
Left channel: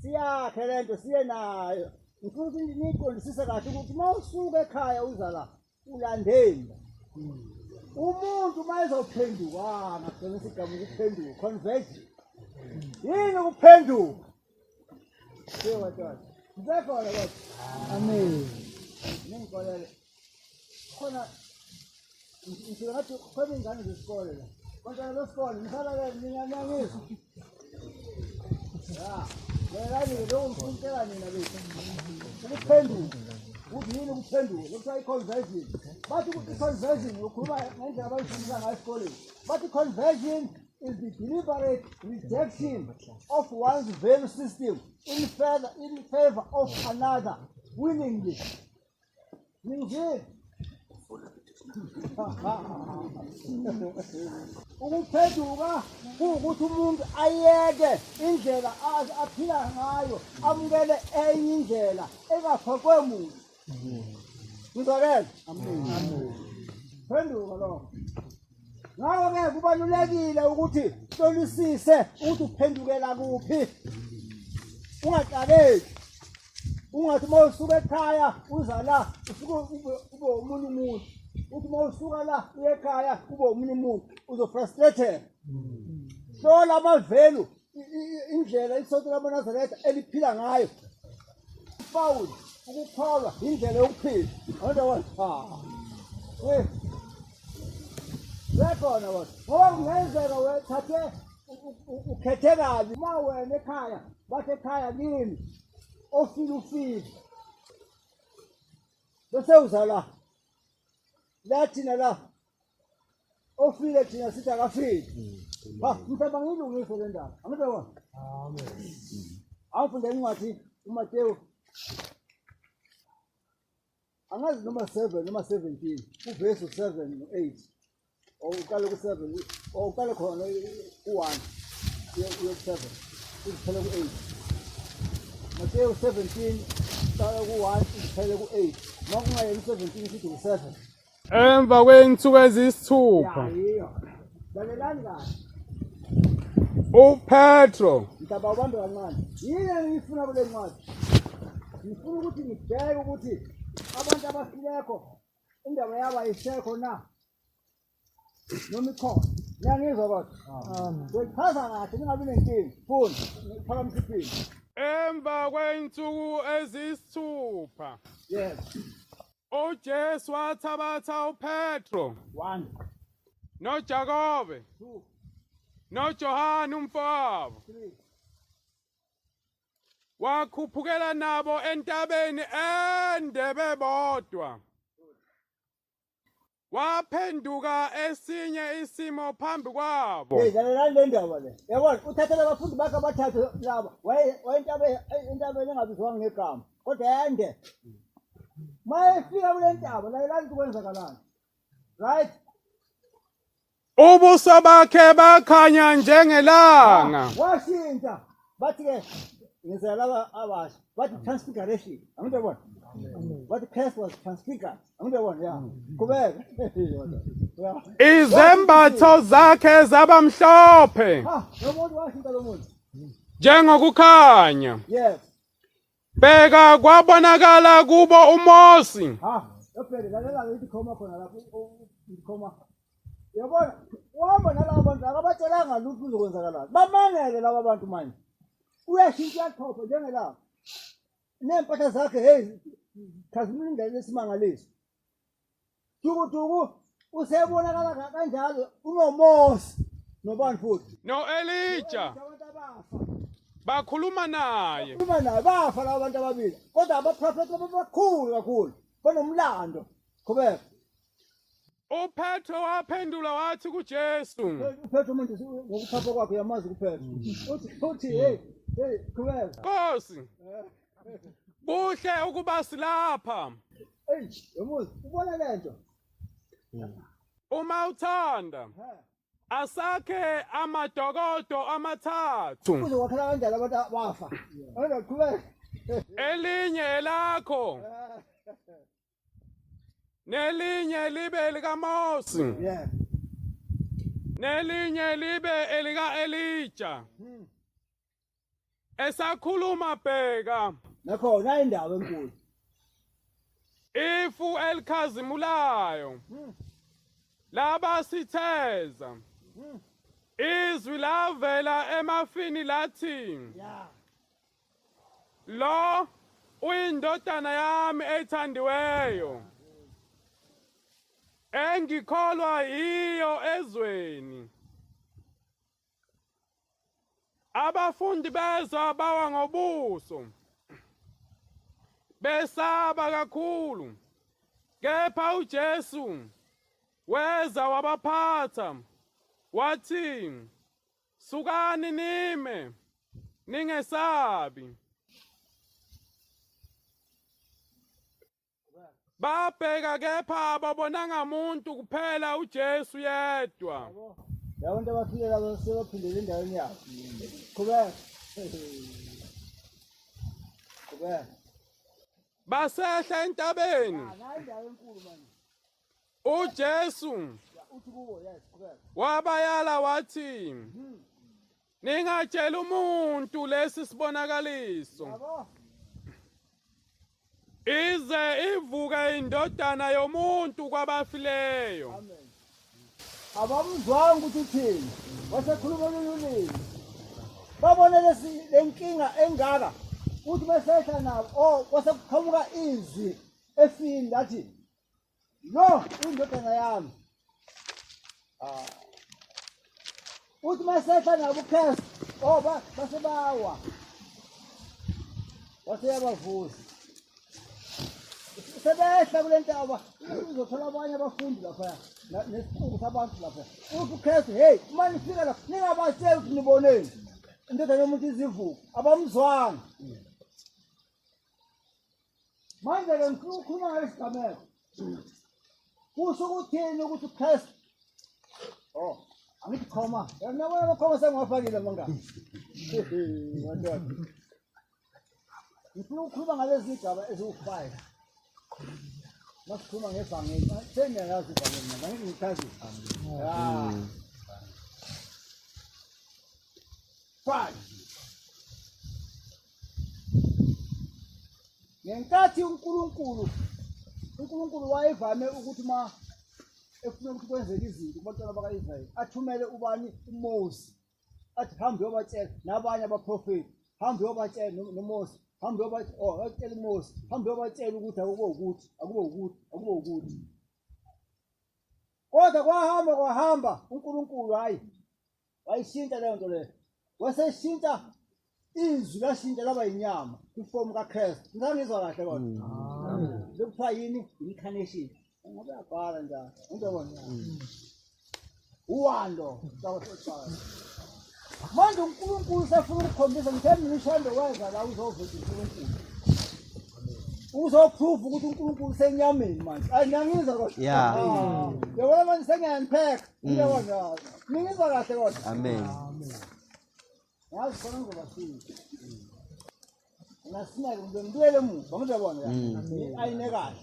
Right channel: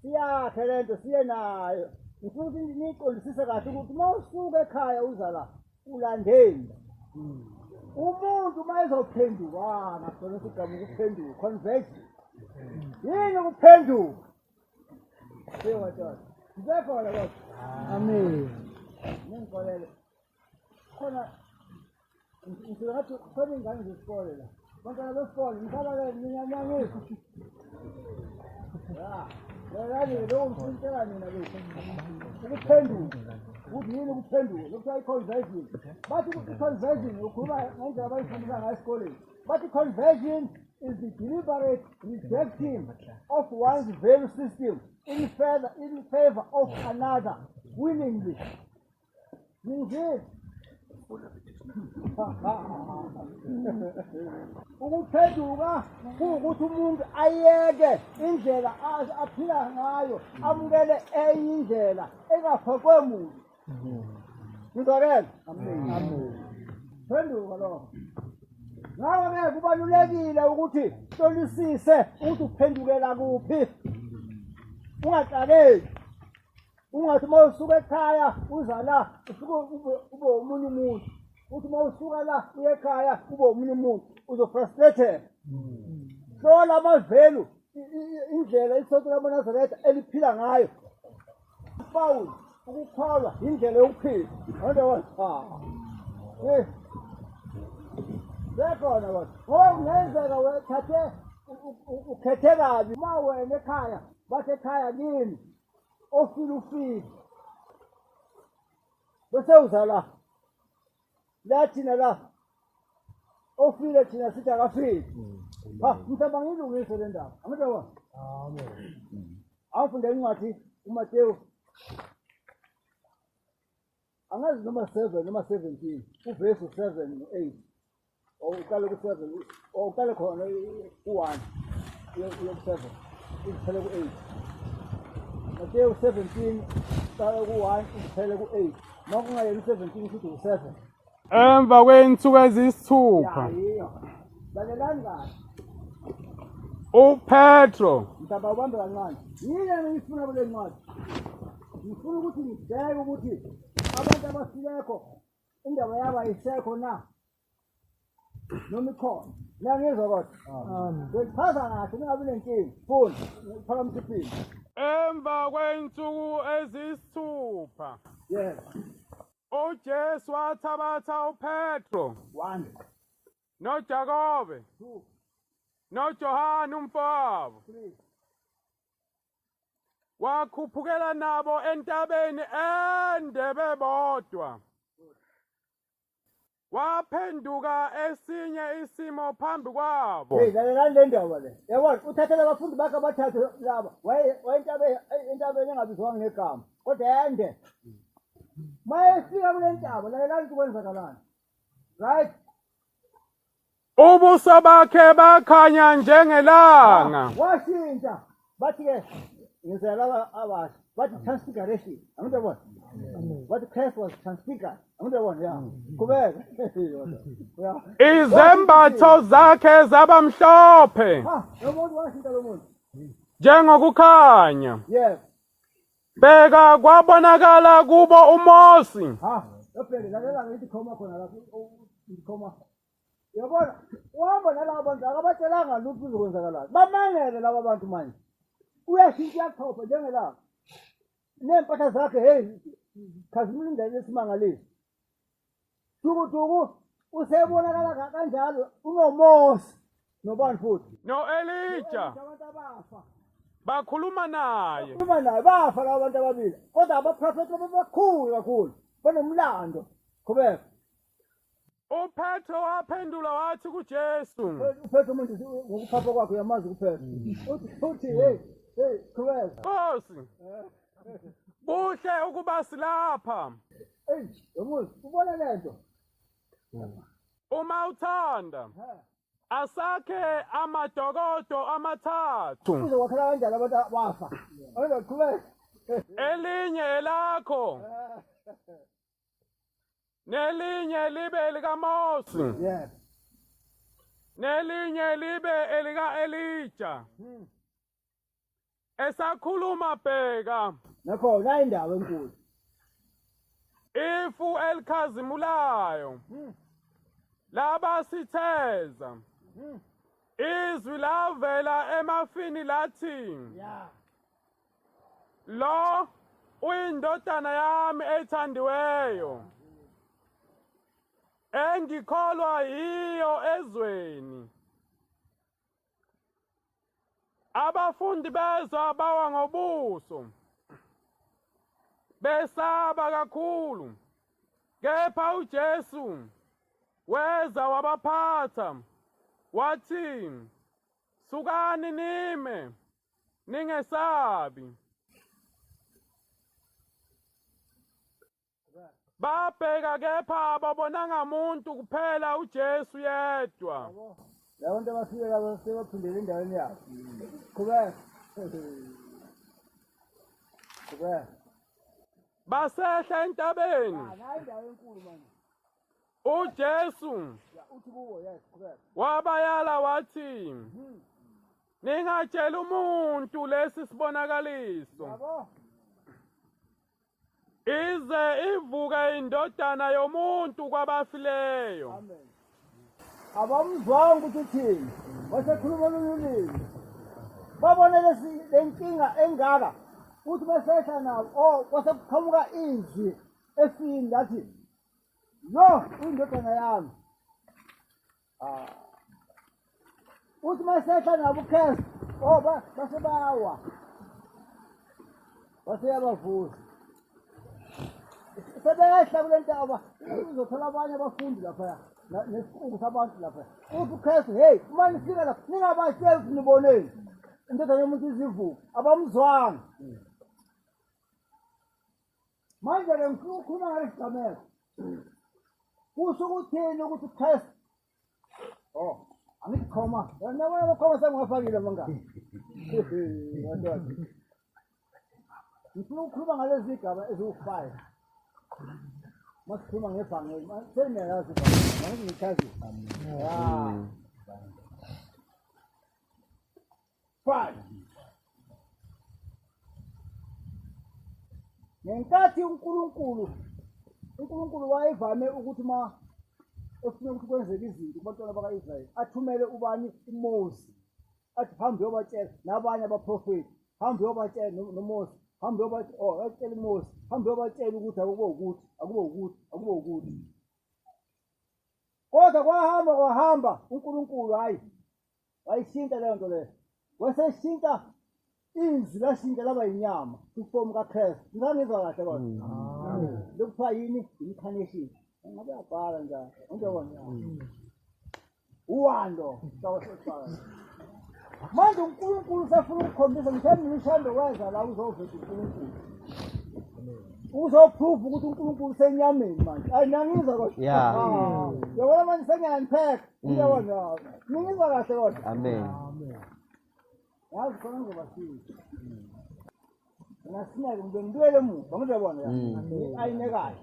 siyakhe lento siye nayo. Ngifuna ukuthi niqondisise kahle ukuthi mawusuka ekhaya uza la ulandeni. Umuntu mayezophenduka ngakho sigaba ukuphenduka conversion. Yini ukuphenduka? Sewa tata. Ngikhona kodwa. Amen. Ngikolele. Khona ngifika ngathi khona ingane zesikole la. Bantwana besikole ngihlala la ngiyanangisa. Yayani lo umfundela nina bethu. Ukuphenduka. Uthi yini ukuphenduka? Lokuthiwa i-conversion. Bathi ukuthi i-conversion ukhuluma ngendlela abayifundisa ngayo esikoleni. Bathi i-conversion is the deliberate rejection of one's value system in favor of another willingly. Ukuphenduka kuwukuthi umuntu ayeke indlela aphila ngayo amukele enye indlela engafakwe muntu. Ngizokela? Amen. Phenduka lokho. Ngakho-ke kubalulekile ukuthi hlolisise ukuthi uphendukela kuphi. Ungaqaleki. Ungathi mawusuka ekhaya uza la usuke ube umunye umuntu. Uthi mawusuka la uye ekhaya ube umunye umuntu uzofrustrated. Hlola amavelu indlela isonto lamanazareth eliphila ngayo. Paul ukukholwa indlela yokuphila. Awundabona? Bekhona kodwa. Ngoba kungenzeka wethathe ukhethe kabi uma wena ekhaya bathi ekhaya kini ofile. Bese uza la. La thina la. Ofile thina sithi akafile. Mhlawumbe ngilungise le ndaba. Angidabona? Amen. Awufunde incwadi uMateyu. Angazi noma 7 noma 17 uverse 7 no8. Uqale ku7 uqale khona u1 yo7 uziphele ku8. Mateyu 17 uqale ku1 uziphele ku8. Noma ungayeli 17 sithi u7. Emva kweinsuku ezisithupha lalelani kahle. uPetro Mhlaba ubambe kancane. Yini engifuna kule ncwadi? Ngifuna ukuthi ngibheke ukuthi abantu abasilekho indaba yabo ayisekho na. Noma ikhona. Ngiyangizwa kodwa. Ngichaza kahle ningabi nenkinga. Funda. Ngiphakamisa iphini. emva kweinsuku ezisithupha Yes. uJesu wathabatha uPetro 1 noJakobe 2 noJohane umfowabo 3 wakhuphukela nabo entabeni ende bebodwa. Waphenduka esinye isimo phambi kwabo. lalelani le ndaba le. Yabona uthathele abafundi bakhe abathathu laba. Entabeni engabizwanga ngegama. Kodwa ende. Mayefika kule ntaba lalelani ukwenzakalani. Right? Ubuso bakhe bakhanya njengelanga. Washintsha. Bathi-ke ngizela laba abasha. Bathi transfiguration. Angidabona? Bathi Christ was transfigured. Angidabona? Ya. Kubeka. Ya. Izembatho zakhe zabamhlophe Umuntu washintsha lo muntu. njengokukhanya. Yes. Bheka kwabonakala kubo uMosi Yabona lalela ngithi khoma khona lapho ikhoma. Yabona uhamba nalabo bantu akabatshelanga lutho uzokwenzakalani. Bamangele laba bantu manje. Uyashintsha yakhopha njengelanga. Nempahla zakhe hey khazimlindele isimangaliso. Duku usebonakala kanjalo unoMosi nobani futhi. no-Elija Abantu abafa. bakhuluma naye. Uma naye bafa labo bantu ababili. Kodwa abaprofeti babakhulu kakhulu. Banomlando. Qhubeka. uPetro waphendula wathi kuJesu, Uphethe umuntu ngokuphapha kwakhe uyamazi kuphela. Uthi hey qhubeka. Nkosi, kuhle ukuba silapha. Hey, yamuzi ubona lento. Uma uthanda asakhe amadokodo amathathu, Uze wakhela kanjani abantu bafa. Awona qhubeka. elinye elakho nelinye libe likaMosi Yeah. nelinye libe elika-Elija. esakhuluma bheka nakhona indaba enkulu ifu elikhazimulayo laba sitheza izwi lavela emafini lathi ya lo uyindodana yami ethandiweyo engikholwa yiyo ezweni. Abafundi beza bawa ngobuso besaba kakhulu, kepha uJesu weza wabaphatha wathi, sukani nime, ningesabi. Babheka kepha babonanga muntu kuphela uJesu yedwa. labo nto abafike labo sebaphindele endaweni yabo qhubeka qhubeka Basehla entabeni. la indawo enkulu manje uJesu uthi kuwo yes qhubeka wabayala wathi, ningatshela umuntu lesi sibonakaliso, yabo ize ivuke indodana yomuntu kwabafileyo. amen abamzwanga ukuthi uthini wasekhuluma olulimi babone lenkinga engaka uthi besehla nabo wasekuqhamuka izwi efini lathi lo uyindodana yami uthi besehla nabo ukhesi basebawa baseyabavuza sebehla kule ntaba uzothola abanye abafundi laphaya nesikhungu sabantu laphaya uthi ukhesi hey uma nifika lapha ningabatsheli ukuthi niboneni indodana yomuntu izivuka abamzwanga manje-ke ngikhuluma ngalesi gameko kusho ukuthini ukuthi ukhesi angithi khoma nabona abakhoma sengibafakile mangani ngifuna ukukhuluma ngalezi zigaba eziwu-5 masikhuluma ngebhangeli seniyayazi ibhangeli mangithi ngichazisa Five. Ngenkathi uNkulunkulu wayevame ukuthi ma efuna ukuthi kwenzeke izinto kubantwana baka-Israyeli athumele ubani uMose athi hambe uyobatshela nabanye abaprofeti hambe uyobatshela noMose hambe uyobatshela uMose hambe uyobatshela ukuthi akube ukuthi kodwa kwahamba uNkulunkulu wayishintsha leyo nto leyo waseshintsha izwi lashintsha laba yinyama kwifomu kaKristu. Ngizangizwa kahle kodwa lokuthiwa yini incarnation ngabe yabhala njalo ngizobona uwando manje uNkulunkulu sefuna ukukhombisa ngithemba imishando wenza la uzoveza uNkulunkulu uzoprove ukuthi uNkulunkulu usenyameni manje ngiyangizwa kodwa yabona manje sengiyangipheka ngiyabona ngingizwa kahle kodwa Amen. yazi khona ngizobasiza ngasinake ngibuyele emuva ngizobona ayine kahle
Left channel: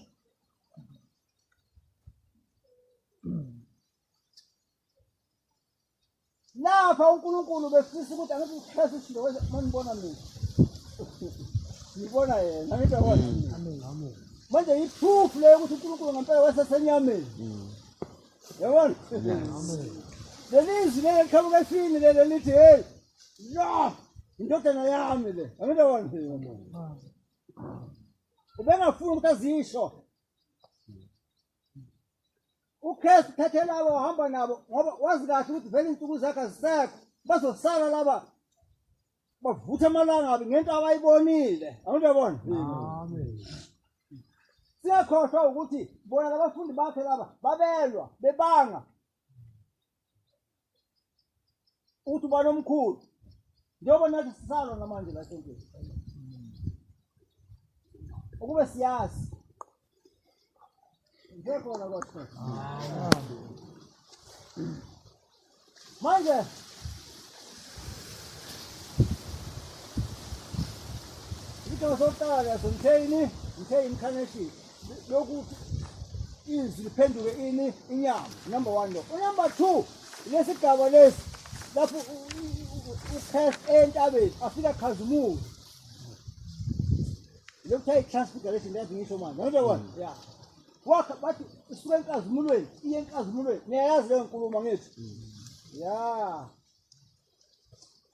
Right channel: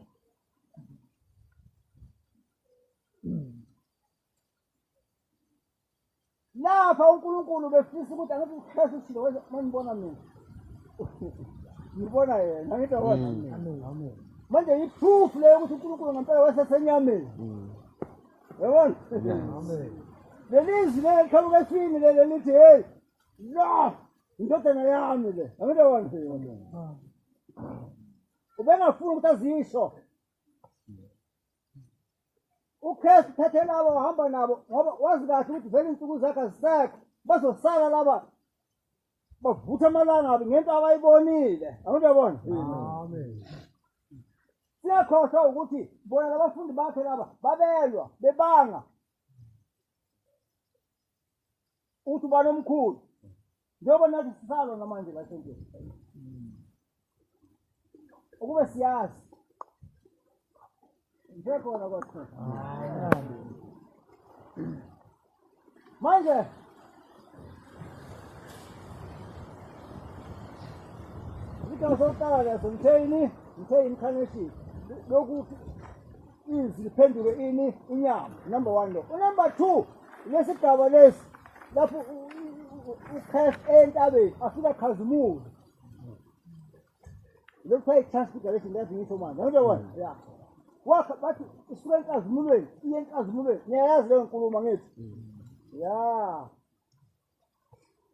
lapha uNkulunkulu befisa ukuthi angithi uKristu ushilo wenza manibona mina ngibona yena ngizobona amen manje iproof leyo ukuthi uNkulunkulu ngempela wasesenyameni yabona amen lelizwi leliqhamuka efini lelo lithi hey no indodana yami le angidabona ubengafuni ukuthi azisho uKristu thathe labo wahamba nabo ngoba wazi kahle ukuthi vele insuku zakhe azisekho bazosala laba bavutha amalangabi ngento abayibonile angidabona amen siyakhohlwa ukuthi bona labafundi bakhe laba babelwa bebanga uthi ubani omkhulu njengoba nathi sisalwa namanje la enkulu ukube siyazi ngekhona kodwa manje ngizosaqala ngitheni incarnation lokuthi izwi liphenduke inyama number 1 lo number 2 lesigaba lesi lapho uChrist entabeni afika khazimula. Lokho i-transfiguration yazi ngisho manje. Ngiyabona? Yeah. Wakha bathi isuka enkazimulweni, iye enkazimulweni. Niyayazi leyo nkulumo ngithi? Yeah.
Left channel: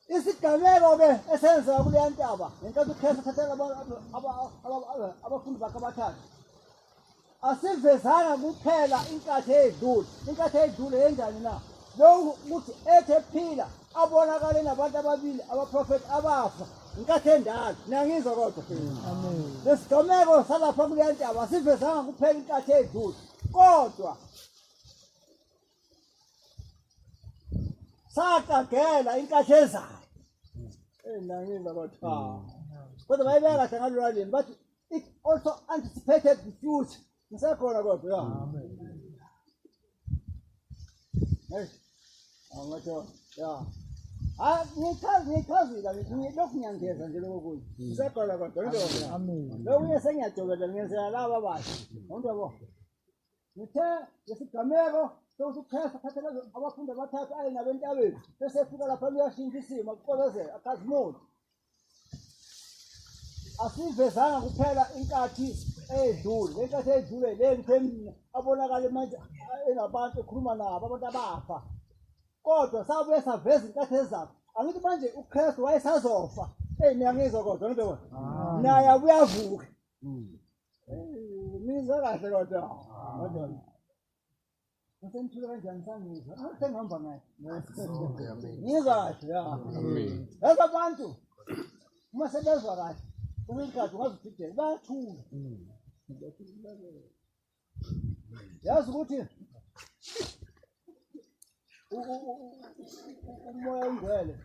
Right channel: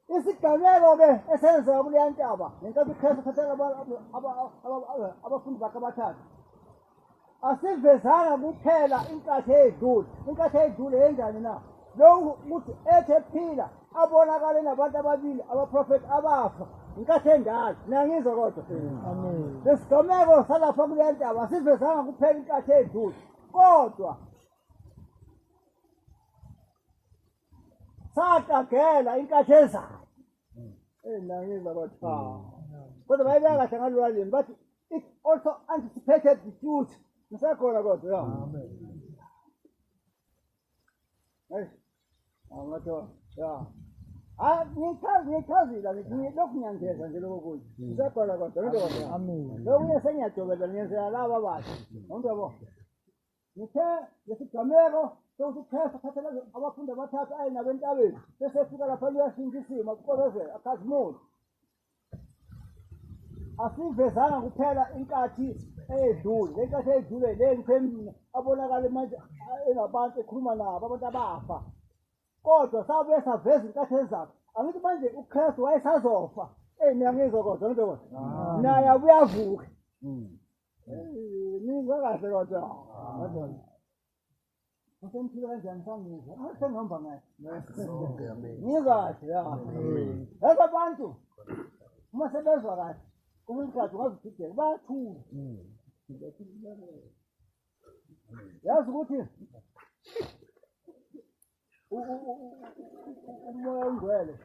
Isigameko ke esenzeka kuleya ntaba, ngenkathi uChrist ethathela abafundi bakhe abathathu. Asivezanga kuphela inkathi eyedlule. Inkathi eyedlule yenjani na? Lo ukuthi ethe phila abonakale nabantu ababili abaprofeti abafa. Inkathi endala. Niyangizwa kodwa? Amen. Lesigameko salapha kuleya ntaba asivezanga kuphela inkathi eyedlule. Kodwa sakagela inkathi ezayo. Niyangizwa kodwa? Kodwa bayibeka kahle ngalolwaleni bathi it also anticipated the future. Ngisakhona kodwa ya. Hey. Angatsho ya. Ngichazile lokhu ngiyangeza nje lokho kuthi. Ngisakhona kodwa ngizokwenza. Amen. Lokhu sengiyajobela ngiyenzela laba abathi. Ngiyabona. Ngithe lesigameko sokuthi uChrist athathela abafundi abathathu aye nabentabeni. Bese efika lapha liyashintsha isimo aqokozela akhazimula. Asivezanga kuphela inkathi eyedlule. Le nkathi eyedlule le ngikhemina abonakala manje enabantu ekhuluma nabo abantu abafa. Kodwa sabuye saveza inkathi ezayo. Angithi manje uChrist wayesazofa. Niyangizwa kodwa ngibona. Naye uyavuka. Nizwa kahle kodwa. Kodwa. Usemthule kanjani sangizwa? Sengihamba ngaye. Ngizwa kahle ya. Laba abantu uma sebezwa kahle kumikhathi ungazithidela bayathula. Yazi ukuthi umoya ongcwele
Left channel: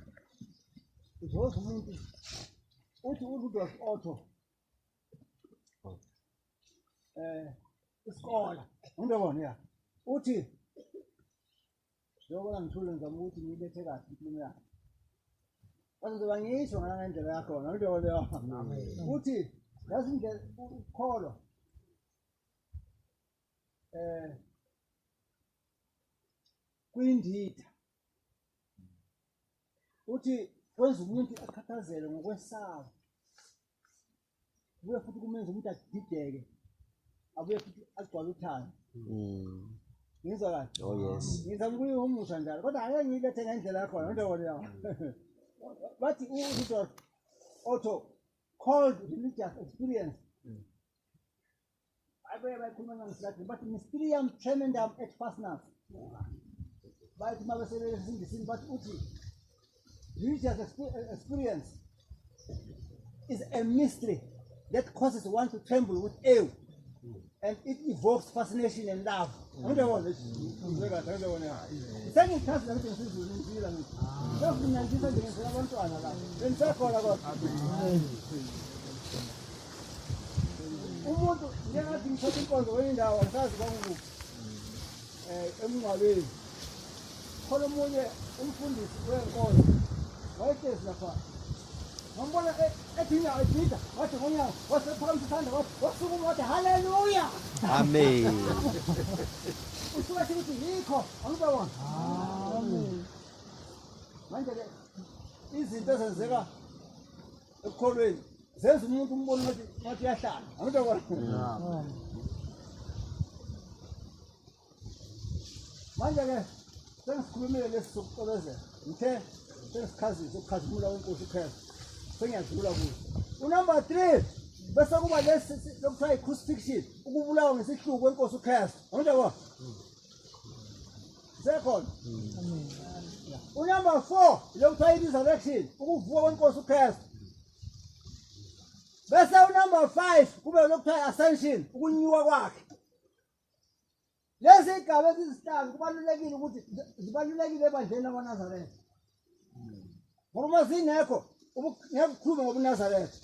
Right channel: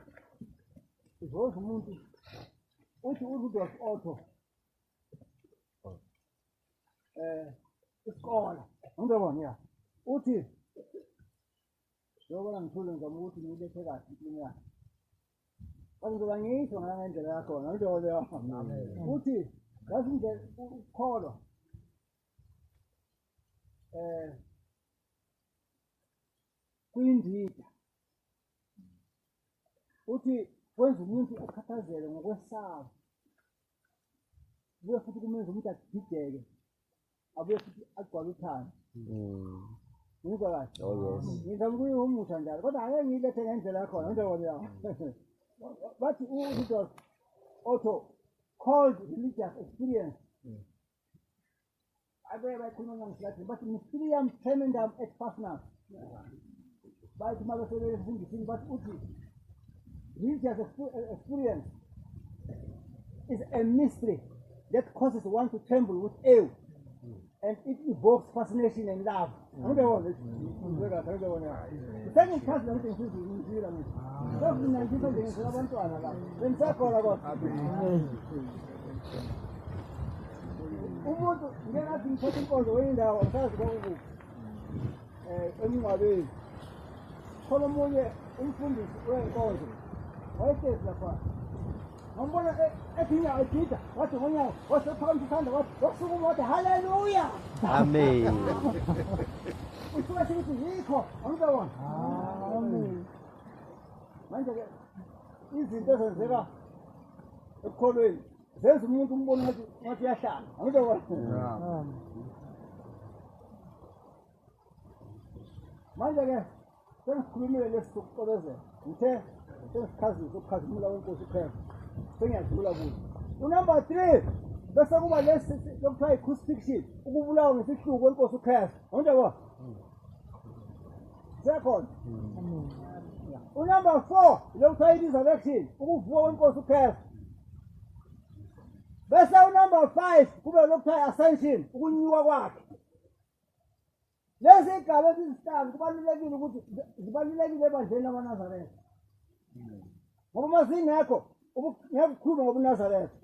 uzoza umuntu uthi uRudolf Otto isikole ngiyabona ya uthi njengoba ngithule ngizama ukuthi ngilethe kahle impilo yakhe bazoba ngisho ngendlela yakho ngiyabona ya uthi yazi indlela ukukholwa kuyindida uthi kwenza umuntu akhathazele ngokwesaba kuye futhi kumenza umuntu adideke abuye futhi agcwale uthando. Ngizwa kahle? Oh yes. Ngizama ukuyihumusha njalo kodwa ake ngilethe ngendlela yakho ngiyabona ya bathi uRudolf Otto called religious experience. Abe bayikhuluma ngesilathi bathi mysterium tremendum et fascinans. Bathi mabesebenzisa isingisi bathi uthi religious experience is a mystery that causes one to tremble with awe and it evokes fascination and love. Ngiyabona ngiyabona. Sengichaza ukuthi ngisizwe ngizila ngithi. Lokhu ngiyangisa nje ngizela abantwana la. Bengisakhona kodwa. Umuntu njengathi ngithatha inkonzo wendawo ngisazi kwakuphi. Emngcwabeni. Khona omunye umfundisi wenkonzo. Wayetesi lapha. Ngambona ethinya edida wathi ngonyawo wasephambi isandla wathi wasukuma wathi haleluya. Amen. Usuka ukuthi yikho angibona. Amen. Manje ke izinto ezenzeka ekukholweni zenza umuntu umbone ngathi yahlala angibona. Manje ke sengisikhulumile lesikuqobezela ngithe sengisikhazisa ukukhazimula wenkosi uChrist sengiyadlula kuzo. Unumber 3 bese kuba lesi lokuthiwa i-crucifixion ukubulawa ngesihluku kwenkosi uChrist angibona. Second. Unumber 4 lokuthiwa i-resurrection ukuvuka kwenkosi uChrist. Bese unumber 5 kube lokuthiwa i-ascension ukunyuka kwakhe. Lezi igaba ezisihlanu kubalulekile ukuthi zibalulekile ebandleni lamaNazareth. Ngoba uma zingekho ngiyakukhuluma ngobuNazareth.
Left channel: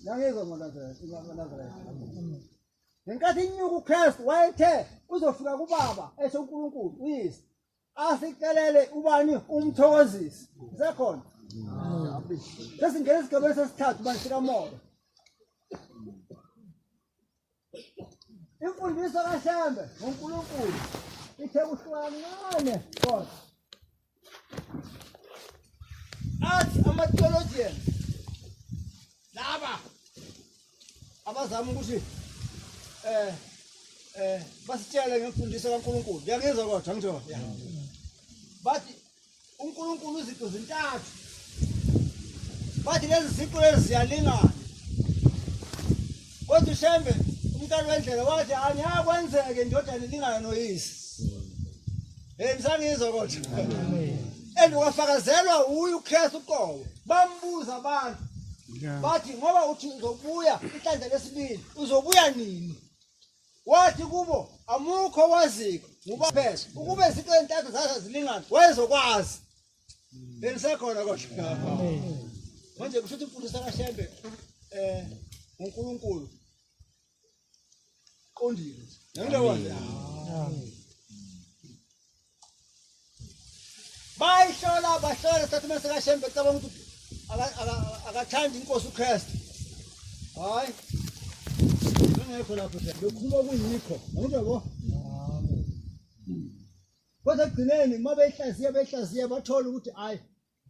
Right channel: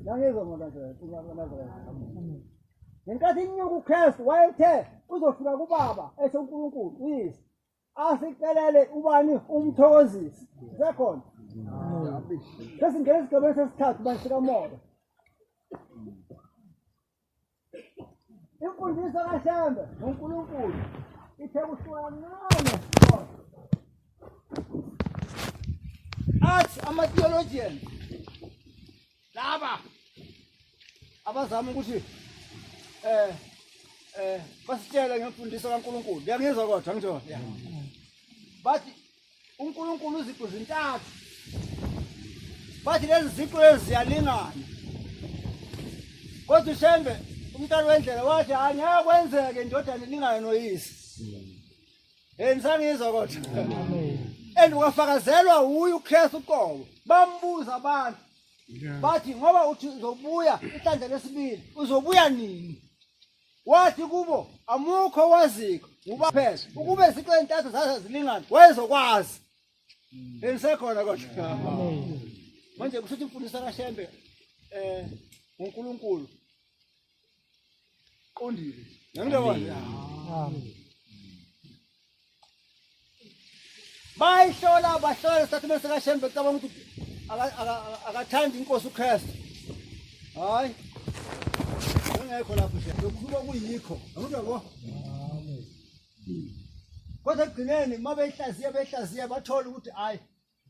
Ngiyangizwa ngoNazareth. Ngenkathi inyuka uChrist wayethe uzofika kuBaba esho uNkulunkulu uyise asicelele ubani umthokozisi. Sekhona. Sesingena esigabeni sesithathu bansika moya. Imfundiso kaShembe ngoNkulunkulu ithe kuhlukancane kodwa bathi ama-theologians laba abazama ukuthi basitshele ngemfundiso kaNkulunkulu. Ngiyangizwa kodwa ngitho. Bathi uNkulunkulu iziqu zintathu. Bathi lezi ziqu lezi ziyalingana. Kodwa uShembe umntwana wendlela wathi angeke kwenzeke indodana ilingana noyise. Nisangizwa kodwa. And wafakazelwa uye uKristu uqobo. Bambuza abantu. Bathi ngoba uthi uzobuya ihlanje lesibili uzobuya nini? Wathi kubo amukho waziko ngubaphela ukube iziqu ezintathu zazo zilingana wayezokwazi. Nisekhona kodwa. Manje kushuthi imfundiso kaShembe uNkulunkulu qondile. Ngiyabona. Bahlola isitatimende sikaShembe cabanga ukuthi akathandi inkosi uKristu. Hayi. Ngekho lapho nje lokukhuluma kuyikho. Ngiyabona. Kodwa ekugcineni mabehlaziya bathola ukuthi hayi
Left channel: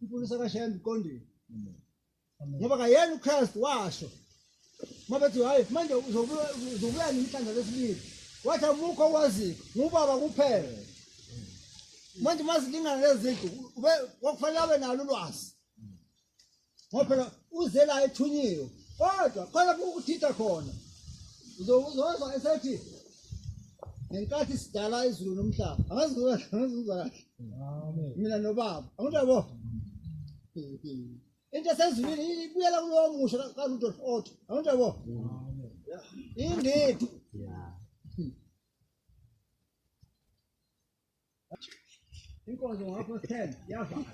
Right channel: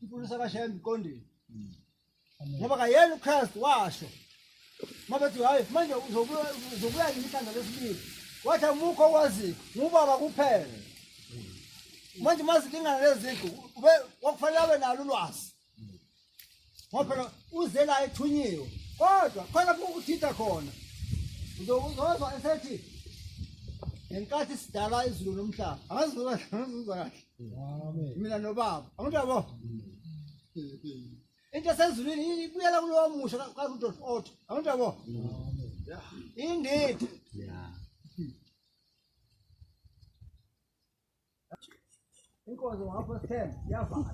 imfundiso kaShembe iqondile. Ngoba kayena uKristu washo. Mabethi hayi manje uzobuya nemhlanje lesibili. Wathi amukho waziko ngubaba kuphela. Manje mazilingana leziqu ube wakufanele abe nalo ulwazi. Ngoba uze la ethunyiwe. Kodwa khona ukuthitha khona. Uzozwa esethi ngenkathi sidala izulu nomhlaba. Angazizwa kahle. Amen. Mina nobaba. Angiyabo. Into sezulwini ibuyela kulwamusho ka-Rudolf. Angiyabo. Amen. Indeed. Yeah. Inkonzo ngapha 10 yafa.